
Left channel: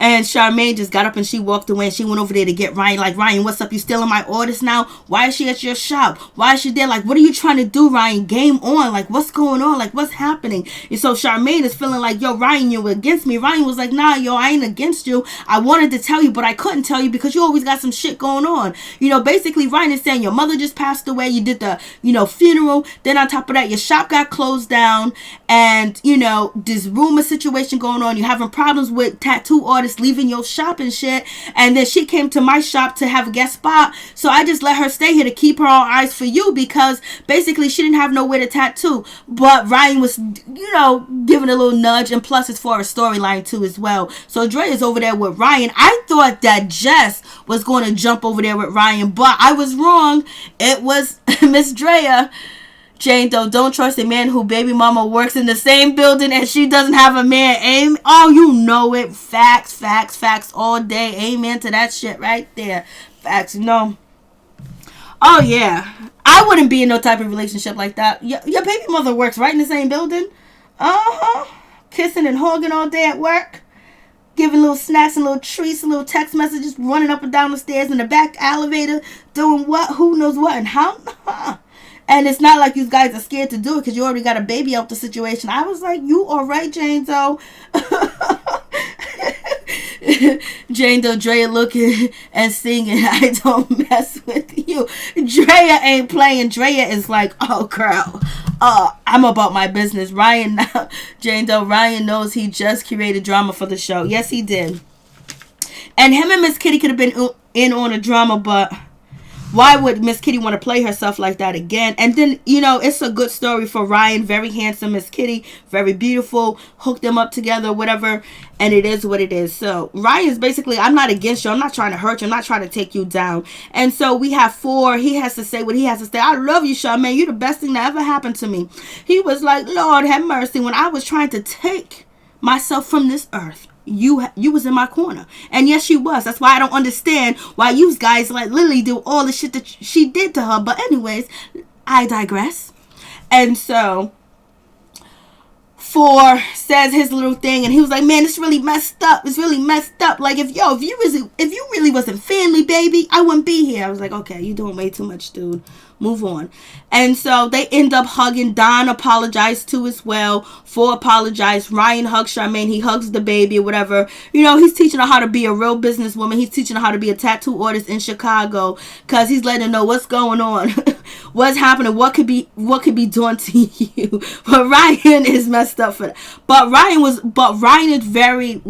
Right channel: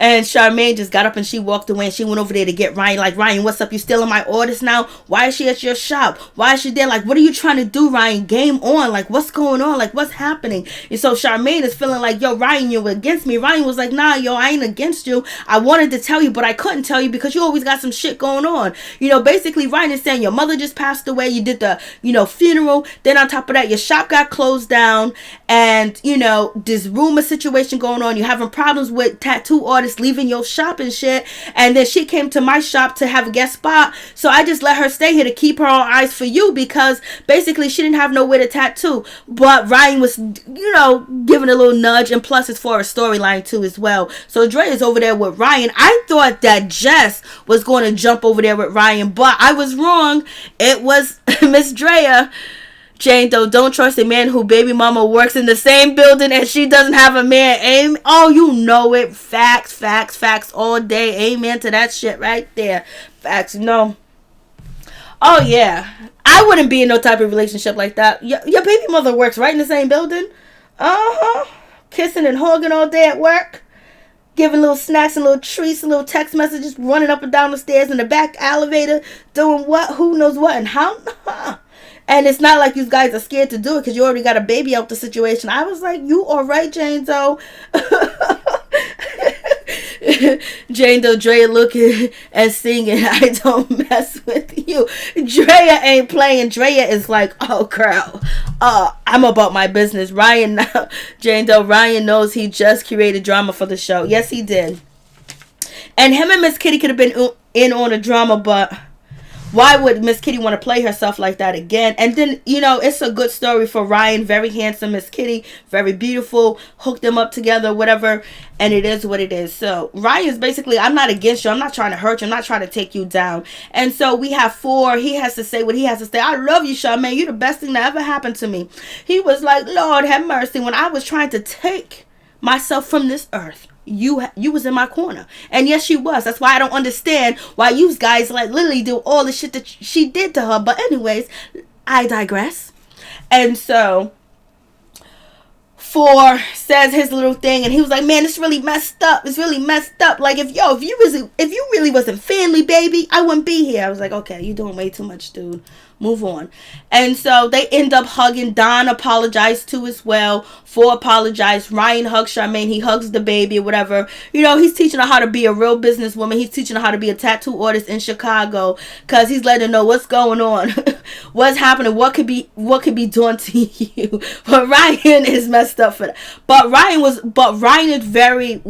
And Charmaine just got up and she walked away, and she went over there to get Ryan. Like, Ryan, what's up? You stealing my orders now? Why is she at your shop? Why is she there? Like, what are you trying to do, Ryan? Game on. Like, what's going on? Like, what's happening? And so Charmaine is feeling like, yo, Ryan, you're against me. Ryan was like, nah, yo, I ain't against you. I wanted to tell you, but I couldn't tell you because you always got some shit going on. Basically, Ryan is saying your mother just passed away. You did the, funeral. Then on top of that, your shop got closed down. And, this rumor situation going on. You're having problems with tattoo artists leaving your shop and shit. And then she came to my shop to have a guest spot, so I just let her stay here to keep her all eyes for you, because basically she didn't have nowhere to tattoo. But Ryan was giving a little nudge, and plus it's for a storyline too as well. So Dre is over there with Ryan. I thought that Jess was going to jump over there with Ryan, but I was wrong. It was Miss Drea. Jane Doe, don't trust a man who baby mama works in the same building and she doesn't have a man. Oh, you know it. Facts all day. Amen to that shit right there. Facts, Oh, yeah. I wouldn't be in no type of relationship like that. Your baby mother works right in the same building. Kissing and hugging all day at work. Giving little snacks and little treats and little text messages. Running up and down the stairs in the back elevator. Doing what? Who knows what and how? And it's not like you guys are scared to do it because you already got a baby out the situation. I was like, you are right, Jane Doe. Jane Doe Drea looking and singing, I don't mess with you. Drea ain't playing. Drea is like, oh girl, I'm about my business. Ryan now, Jane Doe, Ryan knows he just created drama for the show. Yes, he did. And him and Miss Kitty could have been in on a drama, but why would Miss Kitty want to play herself like that again? And then, it's a good story for Ryan. Very handsome Miss Kitty. Very beautiful. Hooked them up together, whatever. And it is what it is. So, Ryan's basically, I'm not against you. I'm not trying to hurt you. I'm not trying to take you down. And so, we have 4. He has to say what he has to say. I love you, Charmaine. You're the best thing that ever happened to me. He was like, Lord have mercy. When I was trying to take myself from this earth, you was in my corner. And yes, she was. That's why I don't understand why you guys let Lily do all the shit that she did to her. But anyways, I digress. And so 4 says his little thing, and he was like, man, it's really messed up. It's really messed up. Like, if you really wasn't family, baby, I wouldn't be here. I was like, okay, you're doing way too much, dude. Move on. And so they end up hugging. Don apologized too as well. 4 apologized. Ryan hugs Charmaine. He hugs the baby or whatever. He's teaching her how to be a real businesswoman. He's teaching her how to be a tattoo artist in Chicago, because he's letting her know what's going on, what's happening, what could be done to you. But Ryan is messed up for that. But Ryan is very,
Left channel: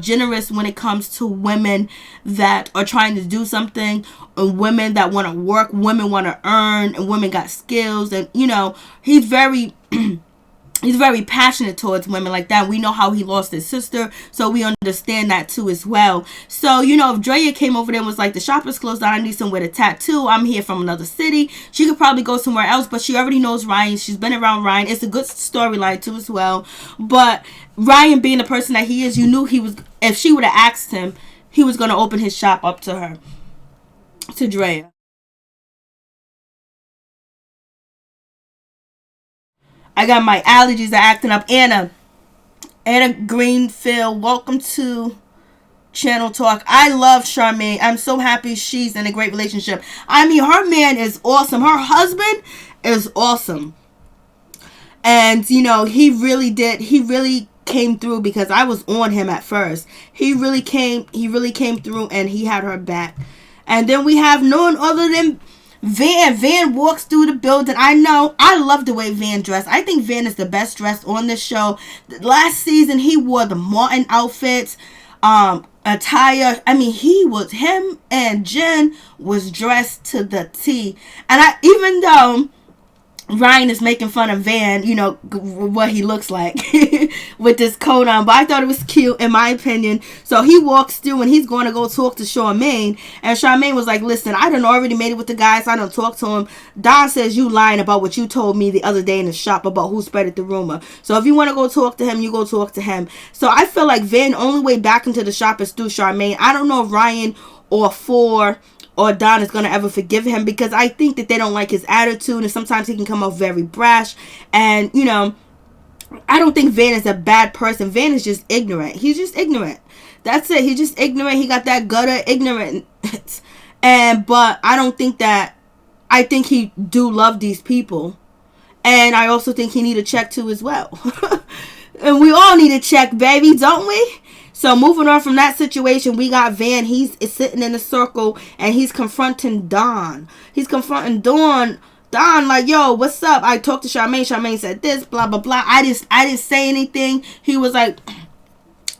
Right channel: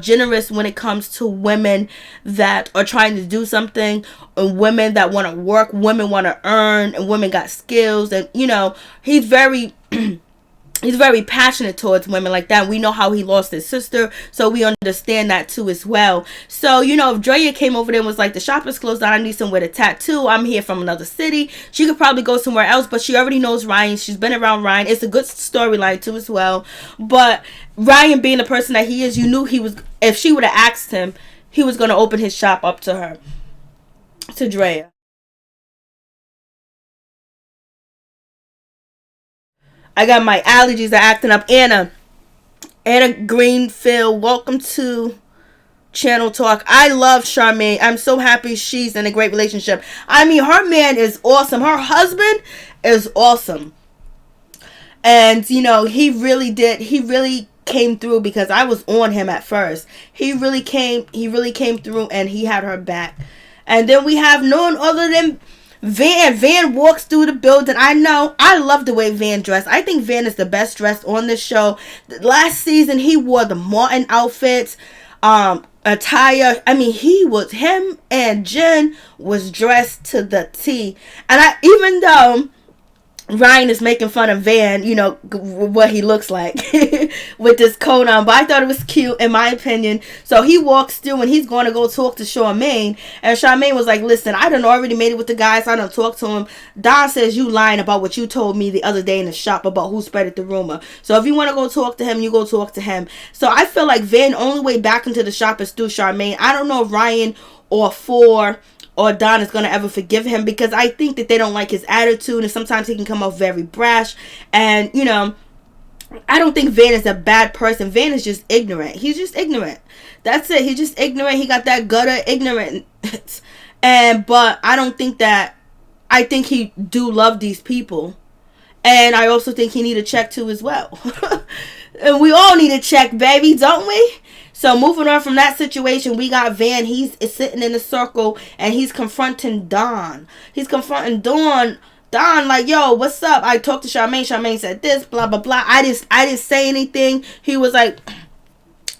generous when it comes to women that are trying to do something, and women that want to work, women want to earn, and women got skills. And he's very he's very passionate towards women like that. We know how he lost his sister, so we understand that too as well. So if Drea came over there and was like, the shop is closed down, I need somewhere to tattoo, I'm here from another city, she could probably go somewhere else. But she already knows Ryan. She's been around Ryan. It's a good storyline too as well. But Ryan, being the person that he is, you knew he was, if she would have asked him, he was going to open his shop up to her, to Drea. I got my allergies are acting up. Anna Greenfield, welcome to Channel Talk. I love Charmaine. I'm so happy she's in a great relationship. I mean, her man is awesome. Her husband is awesome. And, he really came through, because I was on him at first. He really came through, and he had her back. And then we have none other than Van. Van walks through the building. I love the way Van dressed. I think Van is the best dressed on this show. Last season, he wore the Martin outfits, attire. I mean, him and Jen was dressed to the T. And even though Ryan is making fun of Van, what he looks like with this coat on, but I thought it was cute, in my opinion. So he walks through, and he's going to go talk to Charmaine, and Charmaine was like, listen, I done already made it with the guys. I done talked to him. Don says you lying about what you told me the other day in the shop about who spread the rumor. So if you want to go talk to him, you go talk to him. So I feel like Van, only way back into the shop is through Charmaine. I don't know if Ryan or Don is going to ever forgive him, because I think that they don't like his attitude, and sometimes he can come off very brash. And I don't think Van is a bad person. Van is just ignorant. He's just ignorant. That's it. He's just ignorant. He got that gutter ignorance. But I don't think that, I think he do love these people. And I also think he need a check too as well. And we all need a check, baby, don't we? So moving on from that situation, we got Van. He's sitting in a circle, and he's confronting Dawn. He's confronting Dawn, like, yo, what's up? I talked to Charmaine. Charmaine said this, blah, blah, blah. I didn't say anything. He was like,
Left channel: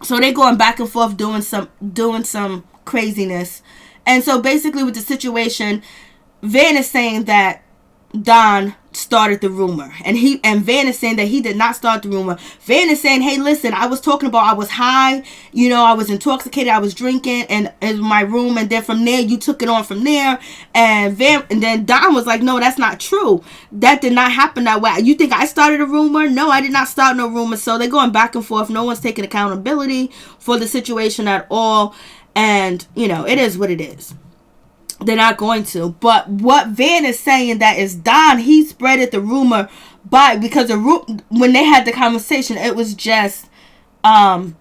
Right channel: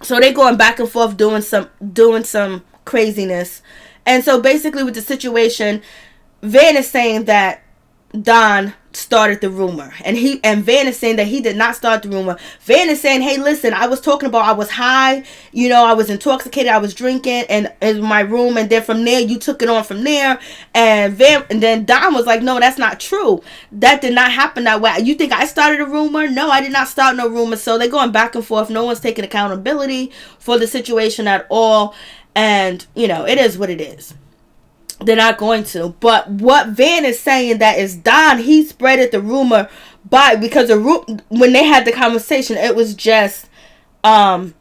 so they going back and forth doing some craziness. And so basically with the situation, Van is saying that Don started the rumor, and Van is saying that he did not start the rumor. Van is saying, hey, listen, I was talking about, I was high, I was intoxicated, I was drinking in my room, and then from there you took it on from there. And then Don was like, no, that's not true. That did not happen that way. You think I started a rumor? No, I did not start no rumor. So they're going back and forth. No one's taking accountability for the situation at all. And it is what it is. They're not going to. But what Van is saying, that is Don, he spreaded the rumor because when they had the conversation, it was just Van,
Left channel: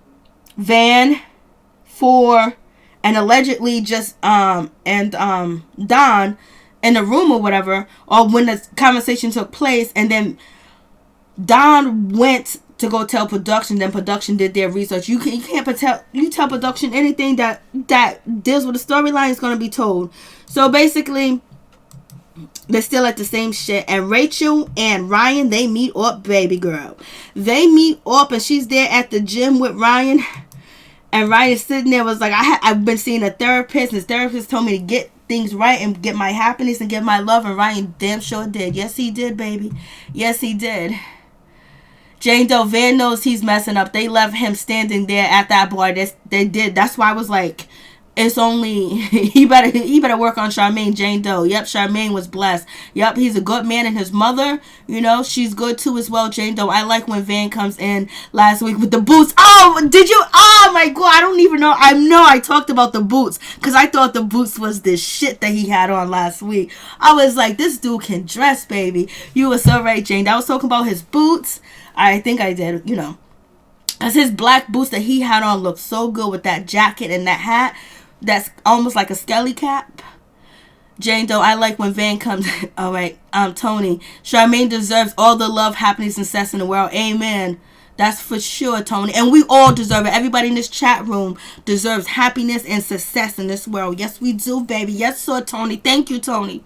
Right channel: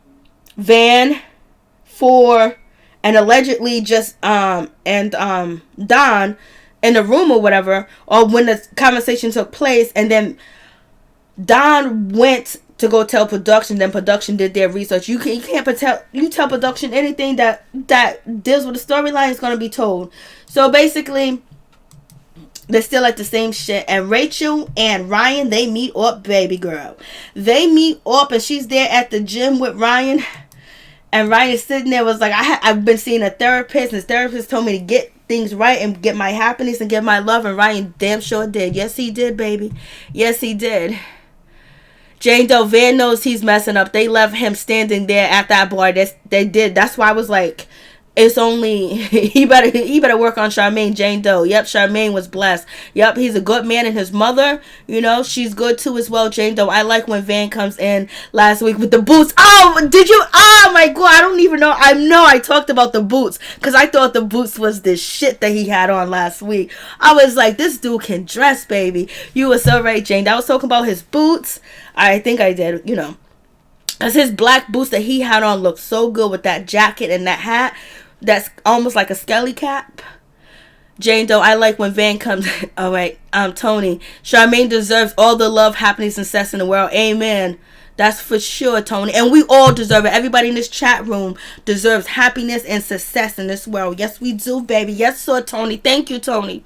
4, and allegedly just Don in the room or whatever, or when the conversation took place. And then Don went to go tell production. Then production did their research. You can't tell production anything that deals with the storyline is going to be told. So basically, they're still at the same shit. And Rachel and Ryan, they meet up, baby girl. They meet up, and she's there at the gym with Ryan. And Ryan is sitting there, was like, I've been seeing a therapist, and his therapist told me to get things right and get my happiness and get my love. And Ryan damn sure did. Yes, he did, baby. Yes, he did. Jane Doe, Van knows he's messing up. They left him standing there at that bar. They did. That's why I was like, it's only, he better work on Charmaine. Jane Doe. Yep, Charmaine was blessed. Yep, he's a good man, and his mother, she's good too as well. Jane Doe. I like when Van comes in last week with the boots. Oh, did you? Oh my God, I don't even know. I know I talked about the boots because I thought the boots was the shit that he had on last week. I was like, this dude can dress, baby. You were so right, Jane. I was talking about his boots. I think I did, because his black boots that he had on looked so good with that jacket and that hat. That's almost like a skelly cap. Jane Doe, I like when Van comes. All right, Tony. Charmaine deserves all the love, happiness, and success in the world. Amen. That's for sure, Tony. And we all deserve it. Everybody in this chat room deserves happiness and success in this world. Yes, we do, baby. Yes, sir, Tony. Thank you, Tony.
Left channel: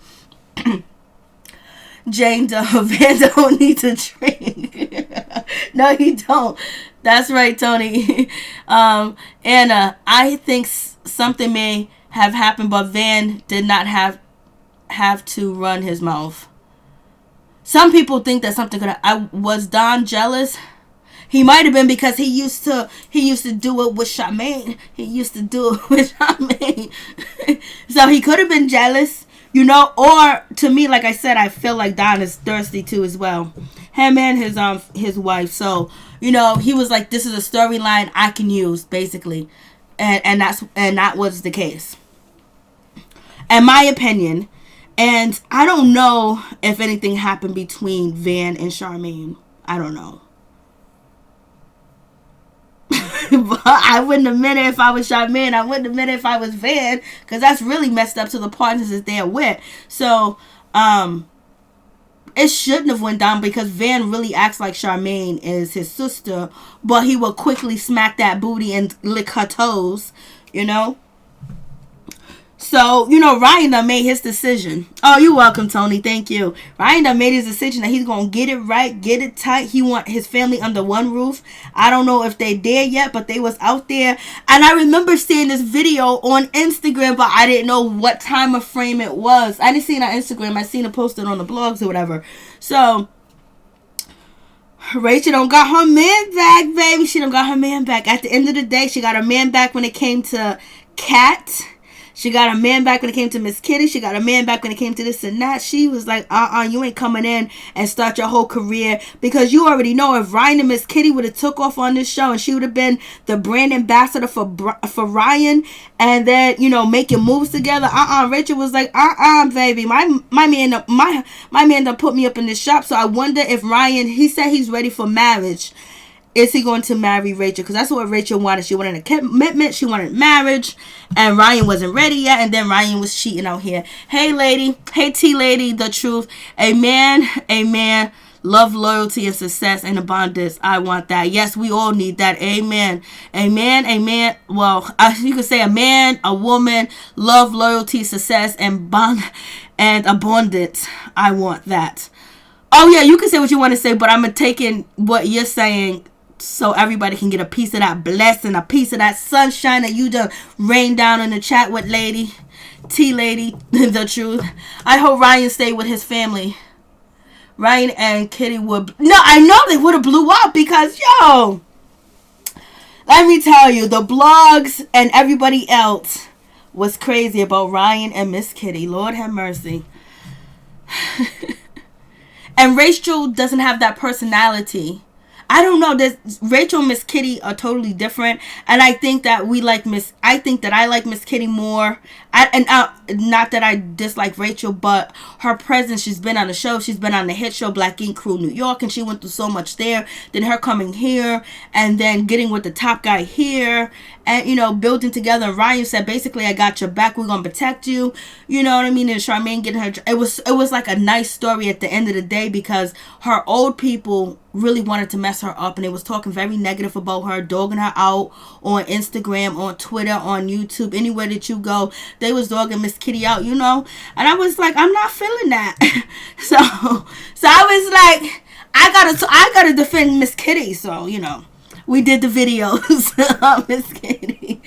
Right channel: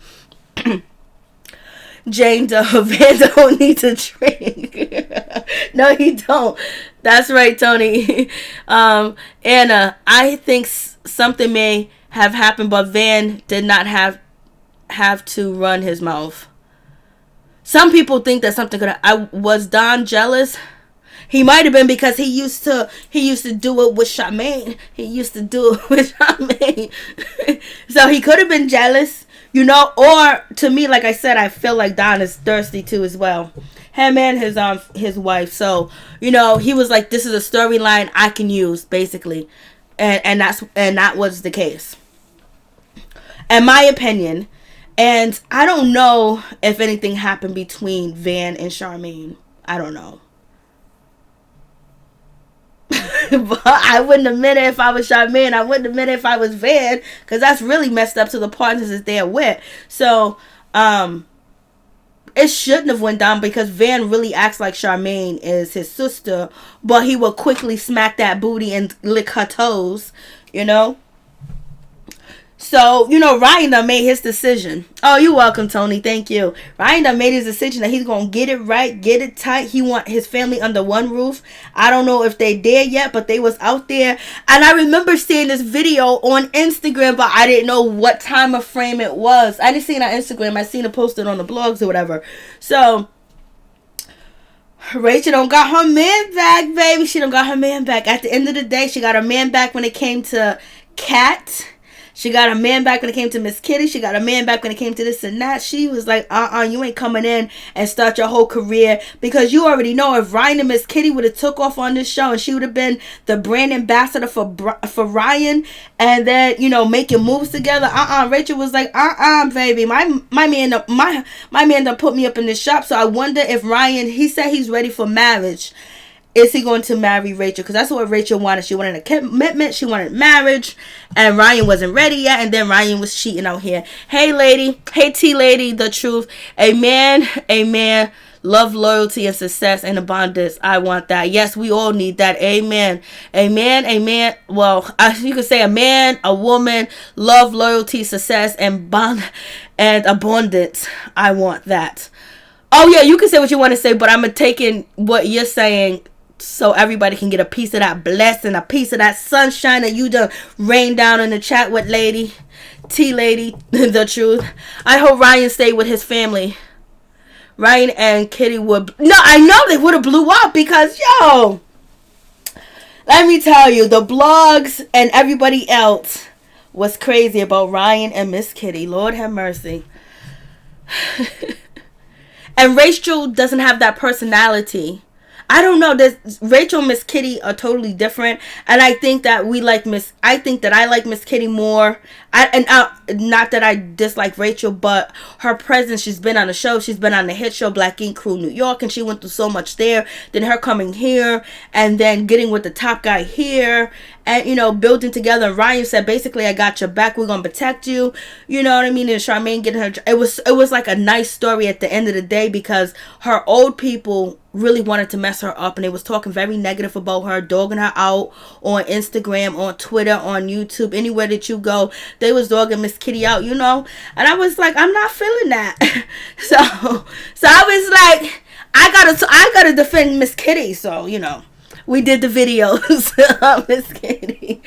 Jane Doe, Van don't need to drink. No, he don't. That's right, Tony. Anna, I think something may have happened, but Van did not have to run his mouth. Some people think that something could have, was Don jealous? He might have been, because he used to do it with Charmaine. So he could have been jealous. Or to me, like I said, I feel like Don is thirsty too as well. Him and his wife. So, he was like, this is a storyline I can use, basically. And that was the case. In my opinion. And I don't know if anything happened between Van and Charmaine. I don't know. But I wouldn't admit it if I was Charmaine. I wouldn't admit it if I was Van, because that's really messed up to the partners that they're with. So, it shouldn't have went down, because Van really acts like Charmaine is his sister, but he will quickly smack that booty and lick her toes, So, Ryan done made his decision. Oh, you're welcome, Tony. Thank you. Ryan done made his decision that he's going to get it right, get it tight. He want his family under one roof. I don't know if they there yet, but they was out there. And I remember seeing this video on Instagram, but I didn't know what time of frame it was. I didn't see it on Instagram. I seen it posted on the blogs or whatever. So, Rachel don't got her man back, baby. She don't got her man back. At the end of the day, she got her man back when it came to Kat. She got a man back when it came to Miss Kitty. She got a man back when it came to this and that. She was like, you ain't coming in and start your whole career. Because you already know, if Ryan and Miss Kitty would have took off on this show, and she would have been the brand ambassador for Ryan, and then, making moves together. Rachel was like, baby, my man done put me up in this shop. So I wonder if Ryan, he said he's ready for marriage. Is he going to marry Rachel? Because that's what Rachel wanted. She wanted a commitment. She wanted marriage. And Ryan wasn't ready yet. And then Ryan was cheating out here. Hey, lady. Hey, T-lady. The truth. Amen. Love, loyalty, and success and abundance. I want that. Yes, we all need that. Amen. Well, you could say a man, a woman, love, loyalty, success, and abundance. I want that. Oh, yeah, you can say what you want to say, but I'm taking what you're saying so everybody can get a piece of that blessing, a piece of that sunshine that you done rain down in the chat with lady, T-lady, the truth. I hope Ryan stayed with his family. Ryan and Kitty would... No, I know they would have blew up because, let me tell you, the blogs and everybody else was crazy about Ryan and Miss Kitty. Lord have mercy. And Rachel doesn't have that personality. I don't know. Rachel and Miss Kitty are totally different. And I think that I like Miss Kitty more. not that I dislike Rachel, but her presence, she's been on the show, she's been on the hit show Black Ink Crew New York, and she went through so much there. Then her coming here, and then getting with the top guy here, and, you know, building together. And Ryan said, basically, I got your back, we're gonna protect you. You know what I mean? And Charmaine getting her, it was like a nice story at the end of the day, because her old people really wanted to mess her up, and they was talking very negative about her, dogging her out on Instagram, on Twitter, on YouTube, anywhere that you go. They was dogging Miss Kitty out, you know. And I was like, I'm not feeling that. so I was like, I gotta defend Miss Kitty. So, you know, we did the videos of Miss Kitty.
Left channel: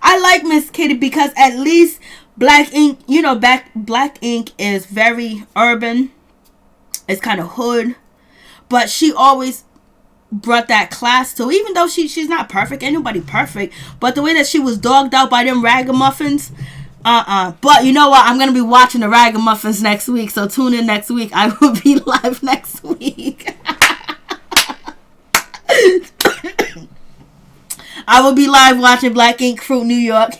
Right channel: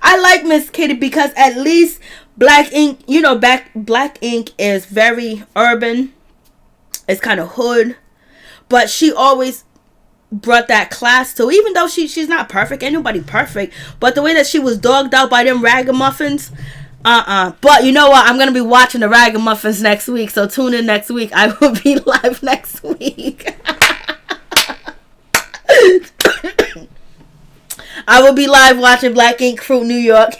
I like Miss Kitty because at least Black Ink, you know, Black Ink is very urban. It's kind of hood. But she always brought that class to, even though she's not perfect, ain't nobody perfect, but the way that she was dogged out by them ragamuffins, but you know what, I'm gonna be watching the ragamuffins next week, so tune in next week. I will be live next week. I will be live watching Black Ink Crew New York.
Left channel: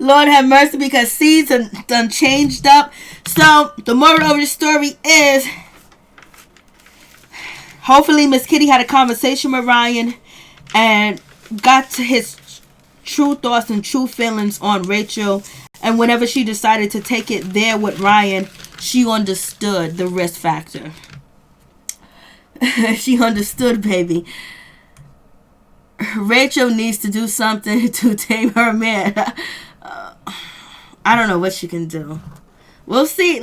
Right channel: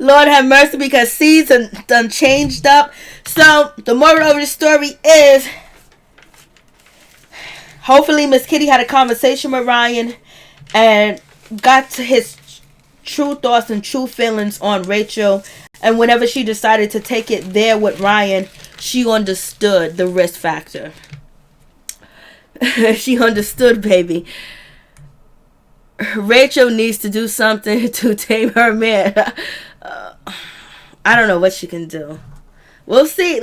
Lord have mercy, because seeds done changed up. So the moral of the story is, hopefully Miss Kitty had a conversation with Ryan and got to his true thoughts and true feelings on Rachel. And whenever she decided to take it there with Ryan, she understood the risk factor. She understood, baby. Rachel needs to do something to tame her man. I don't know what she can do. We'll see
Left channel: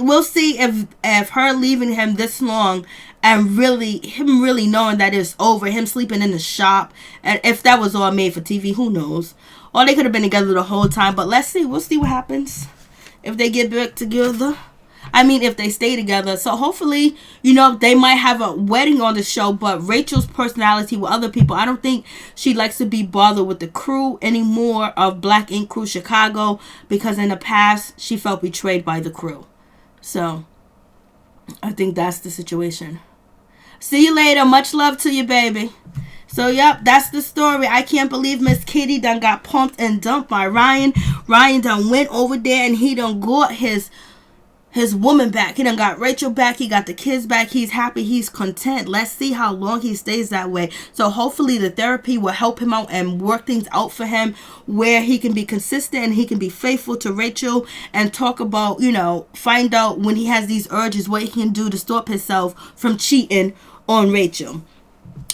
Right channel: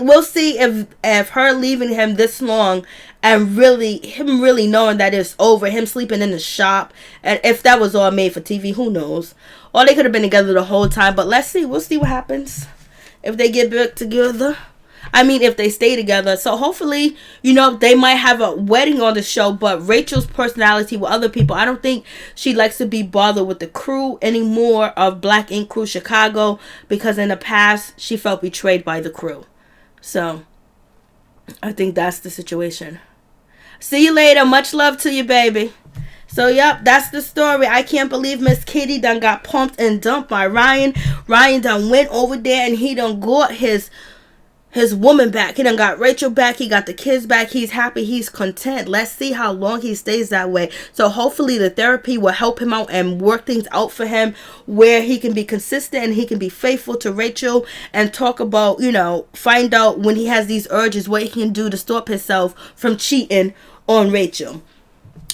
if her leaving him this long, and him really knowing that it's over, him sleeping in the shop, and if that was all made for TV, who knows? Or they could have been together the whole time, but let's see. We'll see what happens if they get back together. I mean, if they stay together. So hopefully, you know, they might have a wedding on the show, but Rachel's personality with other people, I don't think she likes to be bothered with the crew anymore of Black Ink Crew Chicago, because in the past, she felt betrayed by the crew. So, I think that's the situation. See you later. Much love to you, baby. So, yep, that's the story. I can't believe Miss Kitty done got pumped and dumped by Ryan. Ryan done went over there and he done got his woman back. He done got Rachel back. He got the kids back. He's happy. He's content. Let's see how long he stays that way. So hopefully the therapy will help him out and work things out for him where he can be consistent and he can be faithful to Rachel and talk about, you know, find out when he has these urges, what he can do to stop himself from cheating on Rachel.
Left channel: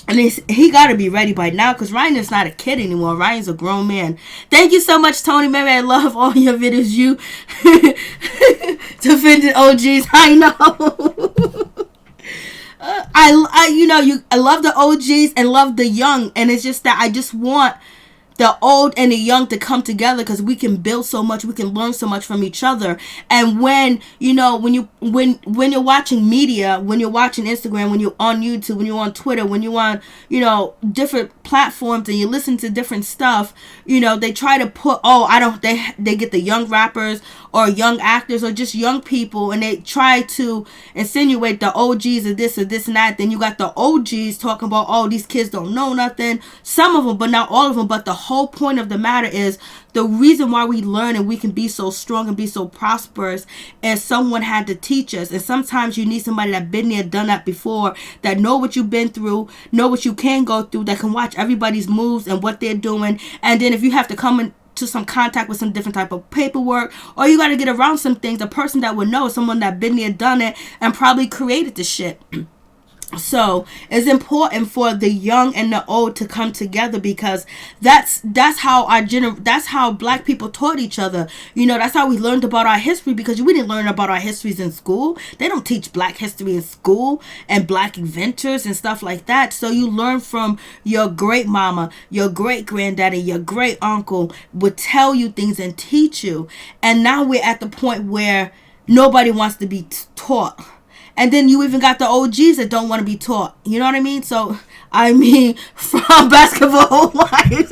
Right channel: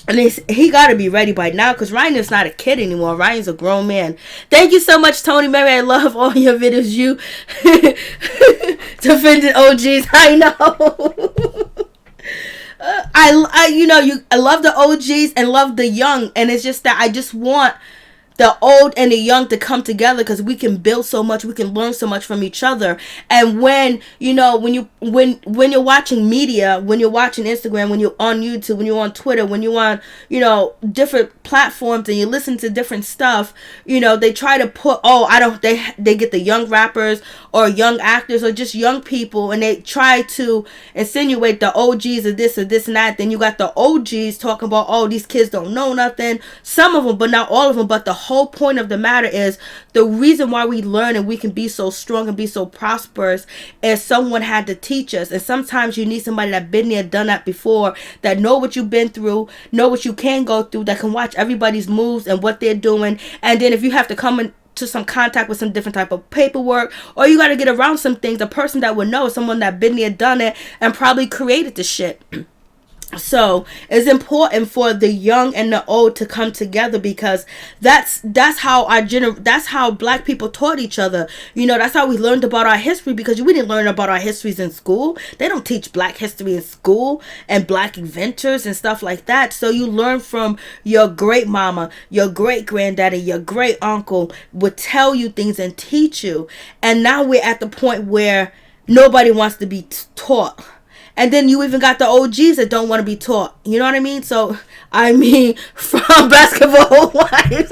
And he got to be ready by now, because Ryan is not a kid anymore. Ryan's a grown man. Thank you so much, Tony Mary. I love all your videos. You defended OGs. I know. I love the OGs and love the young. And it's just that I just want the old and the young to come together, because we can build so much, we can learn so much from each other. And when you're watching media, when you're watching Instagram, when you're on YouTube, when you're on Twitter, when you're on, you know, different platforms and you listen to different stuff, you know, they try to put, they get the young rappers or young actors or just young people, and they try to insinuate the OGs of this or this and that. Then you got the OGs talking about, oh, these kids don't know nothing. Some of them, but not all of them. But the whole point of the matter is, the reason why we learn and we can be so strong and be so prosperous is someone had to teach us. And sometimes you need somebody that been there, done that before, that know what you've been through, know what you can go through, that can watch everybody's moves and what they're doing. And then if you have to come into some contact with some different type of paperwork, or you got to get around some things, a person that would know is someone that been there, done it, and probably created the shit. So it's important for the young and the old to come together, because that's how Black people taught each other. You know, that's how we learned about our history, because we didn't learn about our histories in school. They don't teach Black history in school and Black inventors and stuff like that. So you learn from your great mama, your great granddaddy, your great uncle would tell you things and teach you. And now we're at the point where nobody wants to be taught. And then you even got the OGs that don't want to be taught. You know what I mean? So, I mean, from Basketball Wives.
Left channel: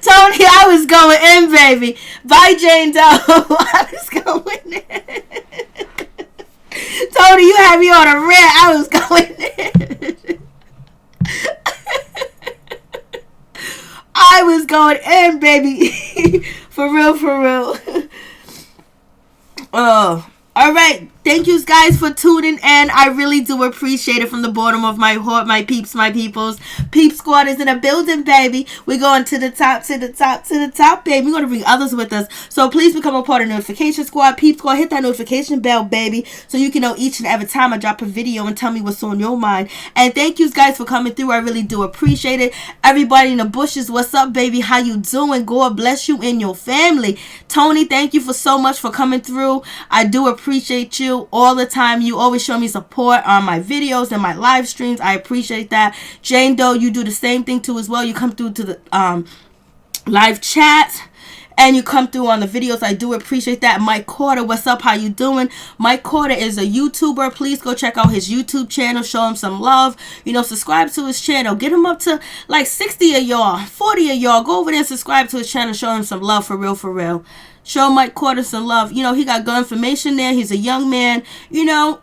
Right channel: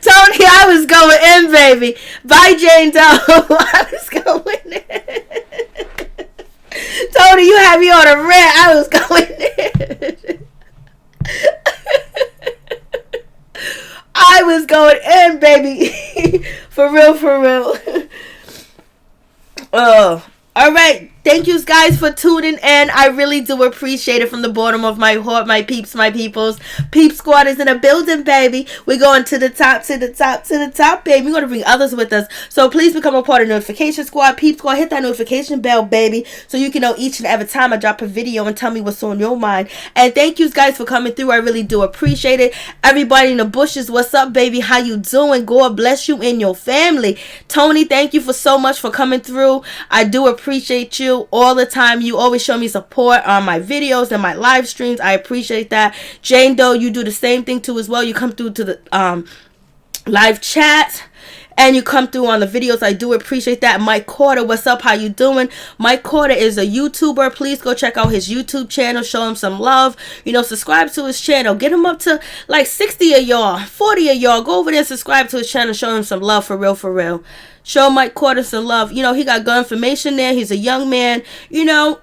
Tony, I was going in, baby. Bye, Jane Doe. I was going in. Tony, you had me on a rant. I was going in. going in, baby. For real, for real. Oh. All right. Thank you guys for tuning in. I really do appreciate it from the bottom of my heart, my peeps, my peoples. Peep Squad is in a building, baby. We're going to the top, to the top, to the top, baby. We're going to bring others with us. So please become a part of Notification Squad. Peep Squad, hit that notification bell, baby, so you can know each and every time I drop a video and tell me what's on your mind. And thank you guys for coming through. I really do appreciate it. Everybody in the bushes, what's up, baby? How you doing? God bless you and your family. Tony, thank you for so much for coming through. I do appreciate you all the time. You always show me support on my videos and my live streams. I appreciate that. Jane Doe, you do the same thing too as well. You come through to the live chat and you come through on the videos. I do appreciate that. Mike Carter, what's up? How you doing? Mike Carter is a YouTuber. Please go check out his YouTube channel. Show him some love. You know, subscribe to his channel. Get him up to like 60 of y'all, 40 of y'all. Go over there and subscribe to his channel. Show him some love, for real, for real. Show Mike Carter some love. You know, he got good information there. He's a young man, you know,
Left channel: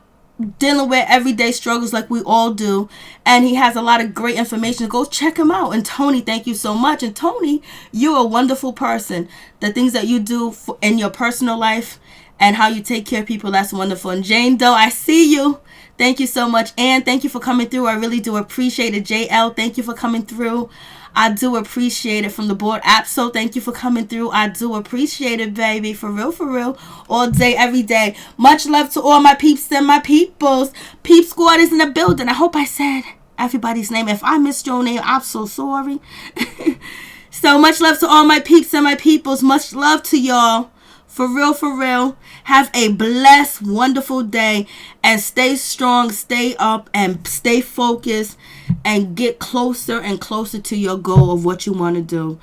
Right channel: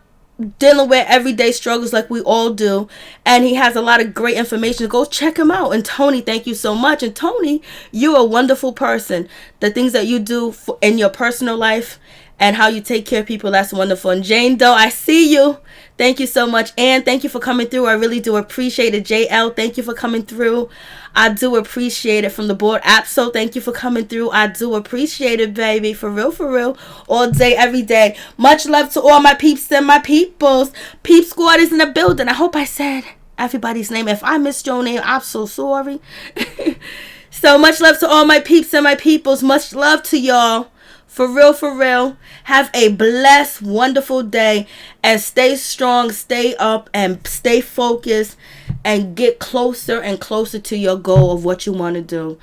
dealing with everyday struggles like we all do. And he has a lot of great information. Go check him out. And Tony, thank you so much. And Tony, you're a wonderful person. The things that you do in your personal life and how you take care of people, that's wonderful. And Jane Doe, I see you. Thank you so much. And thank you for coming through. I really do appreciate it. JL, thank you for coming through. I do appreciate it. From the board app, so thank you for coming through. I do appreciate it, baby. For real, all day, every day. Much love to all my peeps and my peoples. Peep Squad is in the building. I hope I said everybody's name. If I missed your name, I'm so sorry. So much love to all my peeps and my peoples. Much love to y'all. For real. Have a blessed, wonderful day. And stay strong, stay up, and stay focused. And get closer and closer to your goal of what you want to do.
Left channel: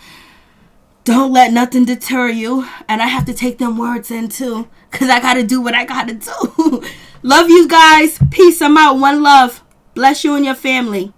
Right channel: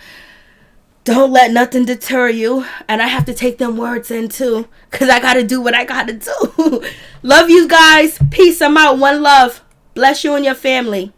Don't let nothing deter you. And I have to take them words in too, because I got to do what I got to do. Love you guys. Peace. I'm out. One love. Bless you and your family.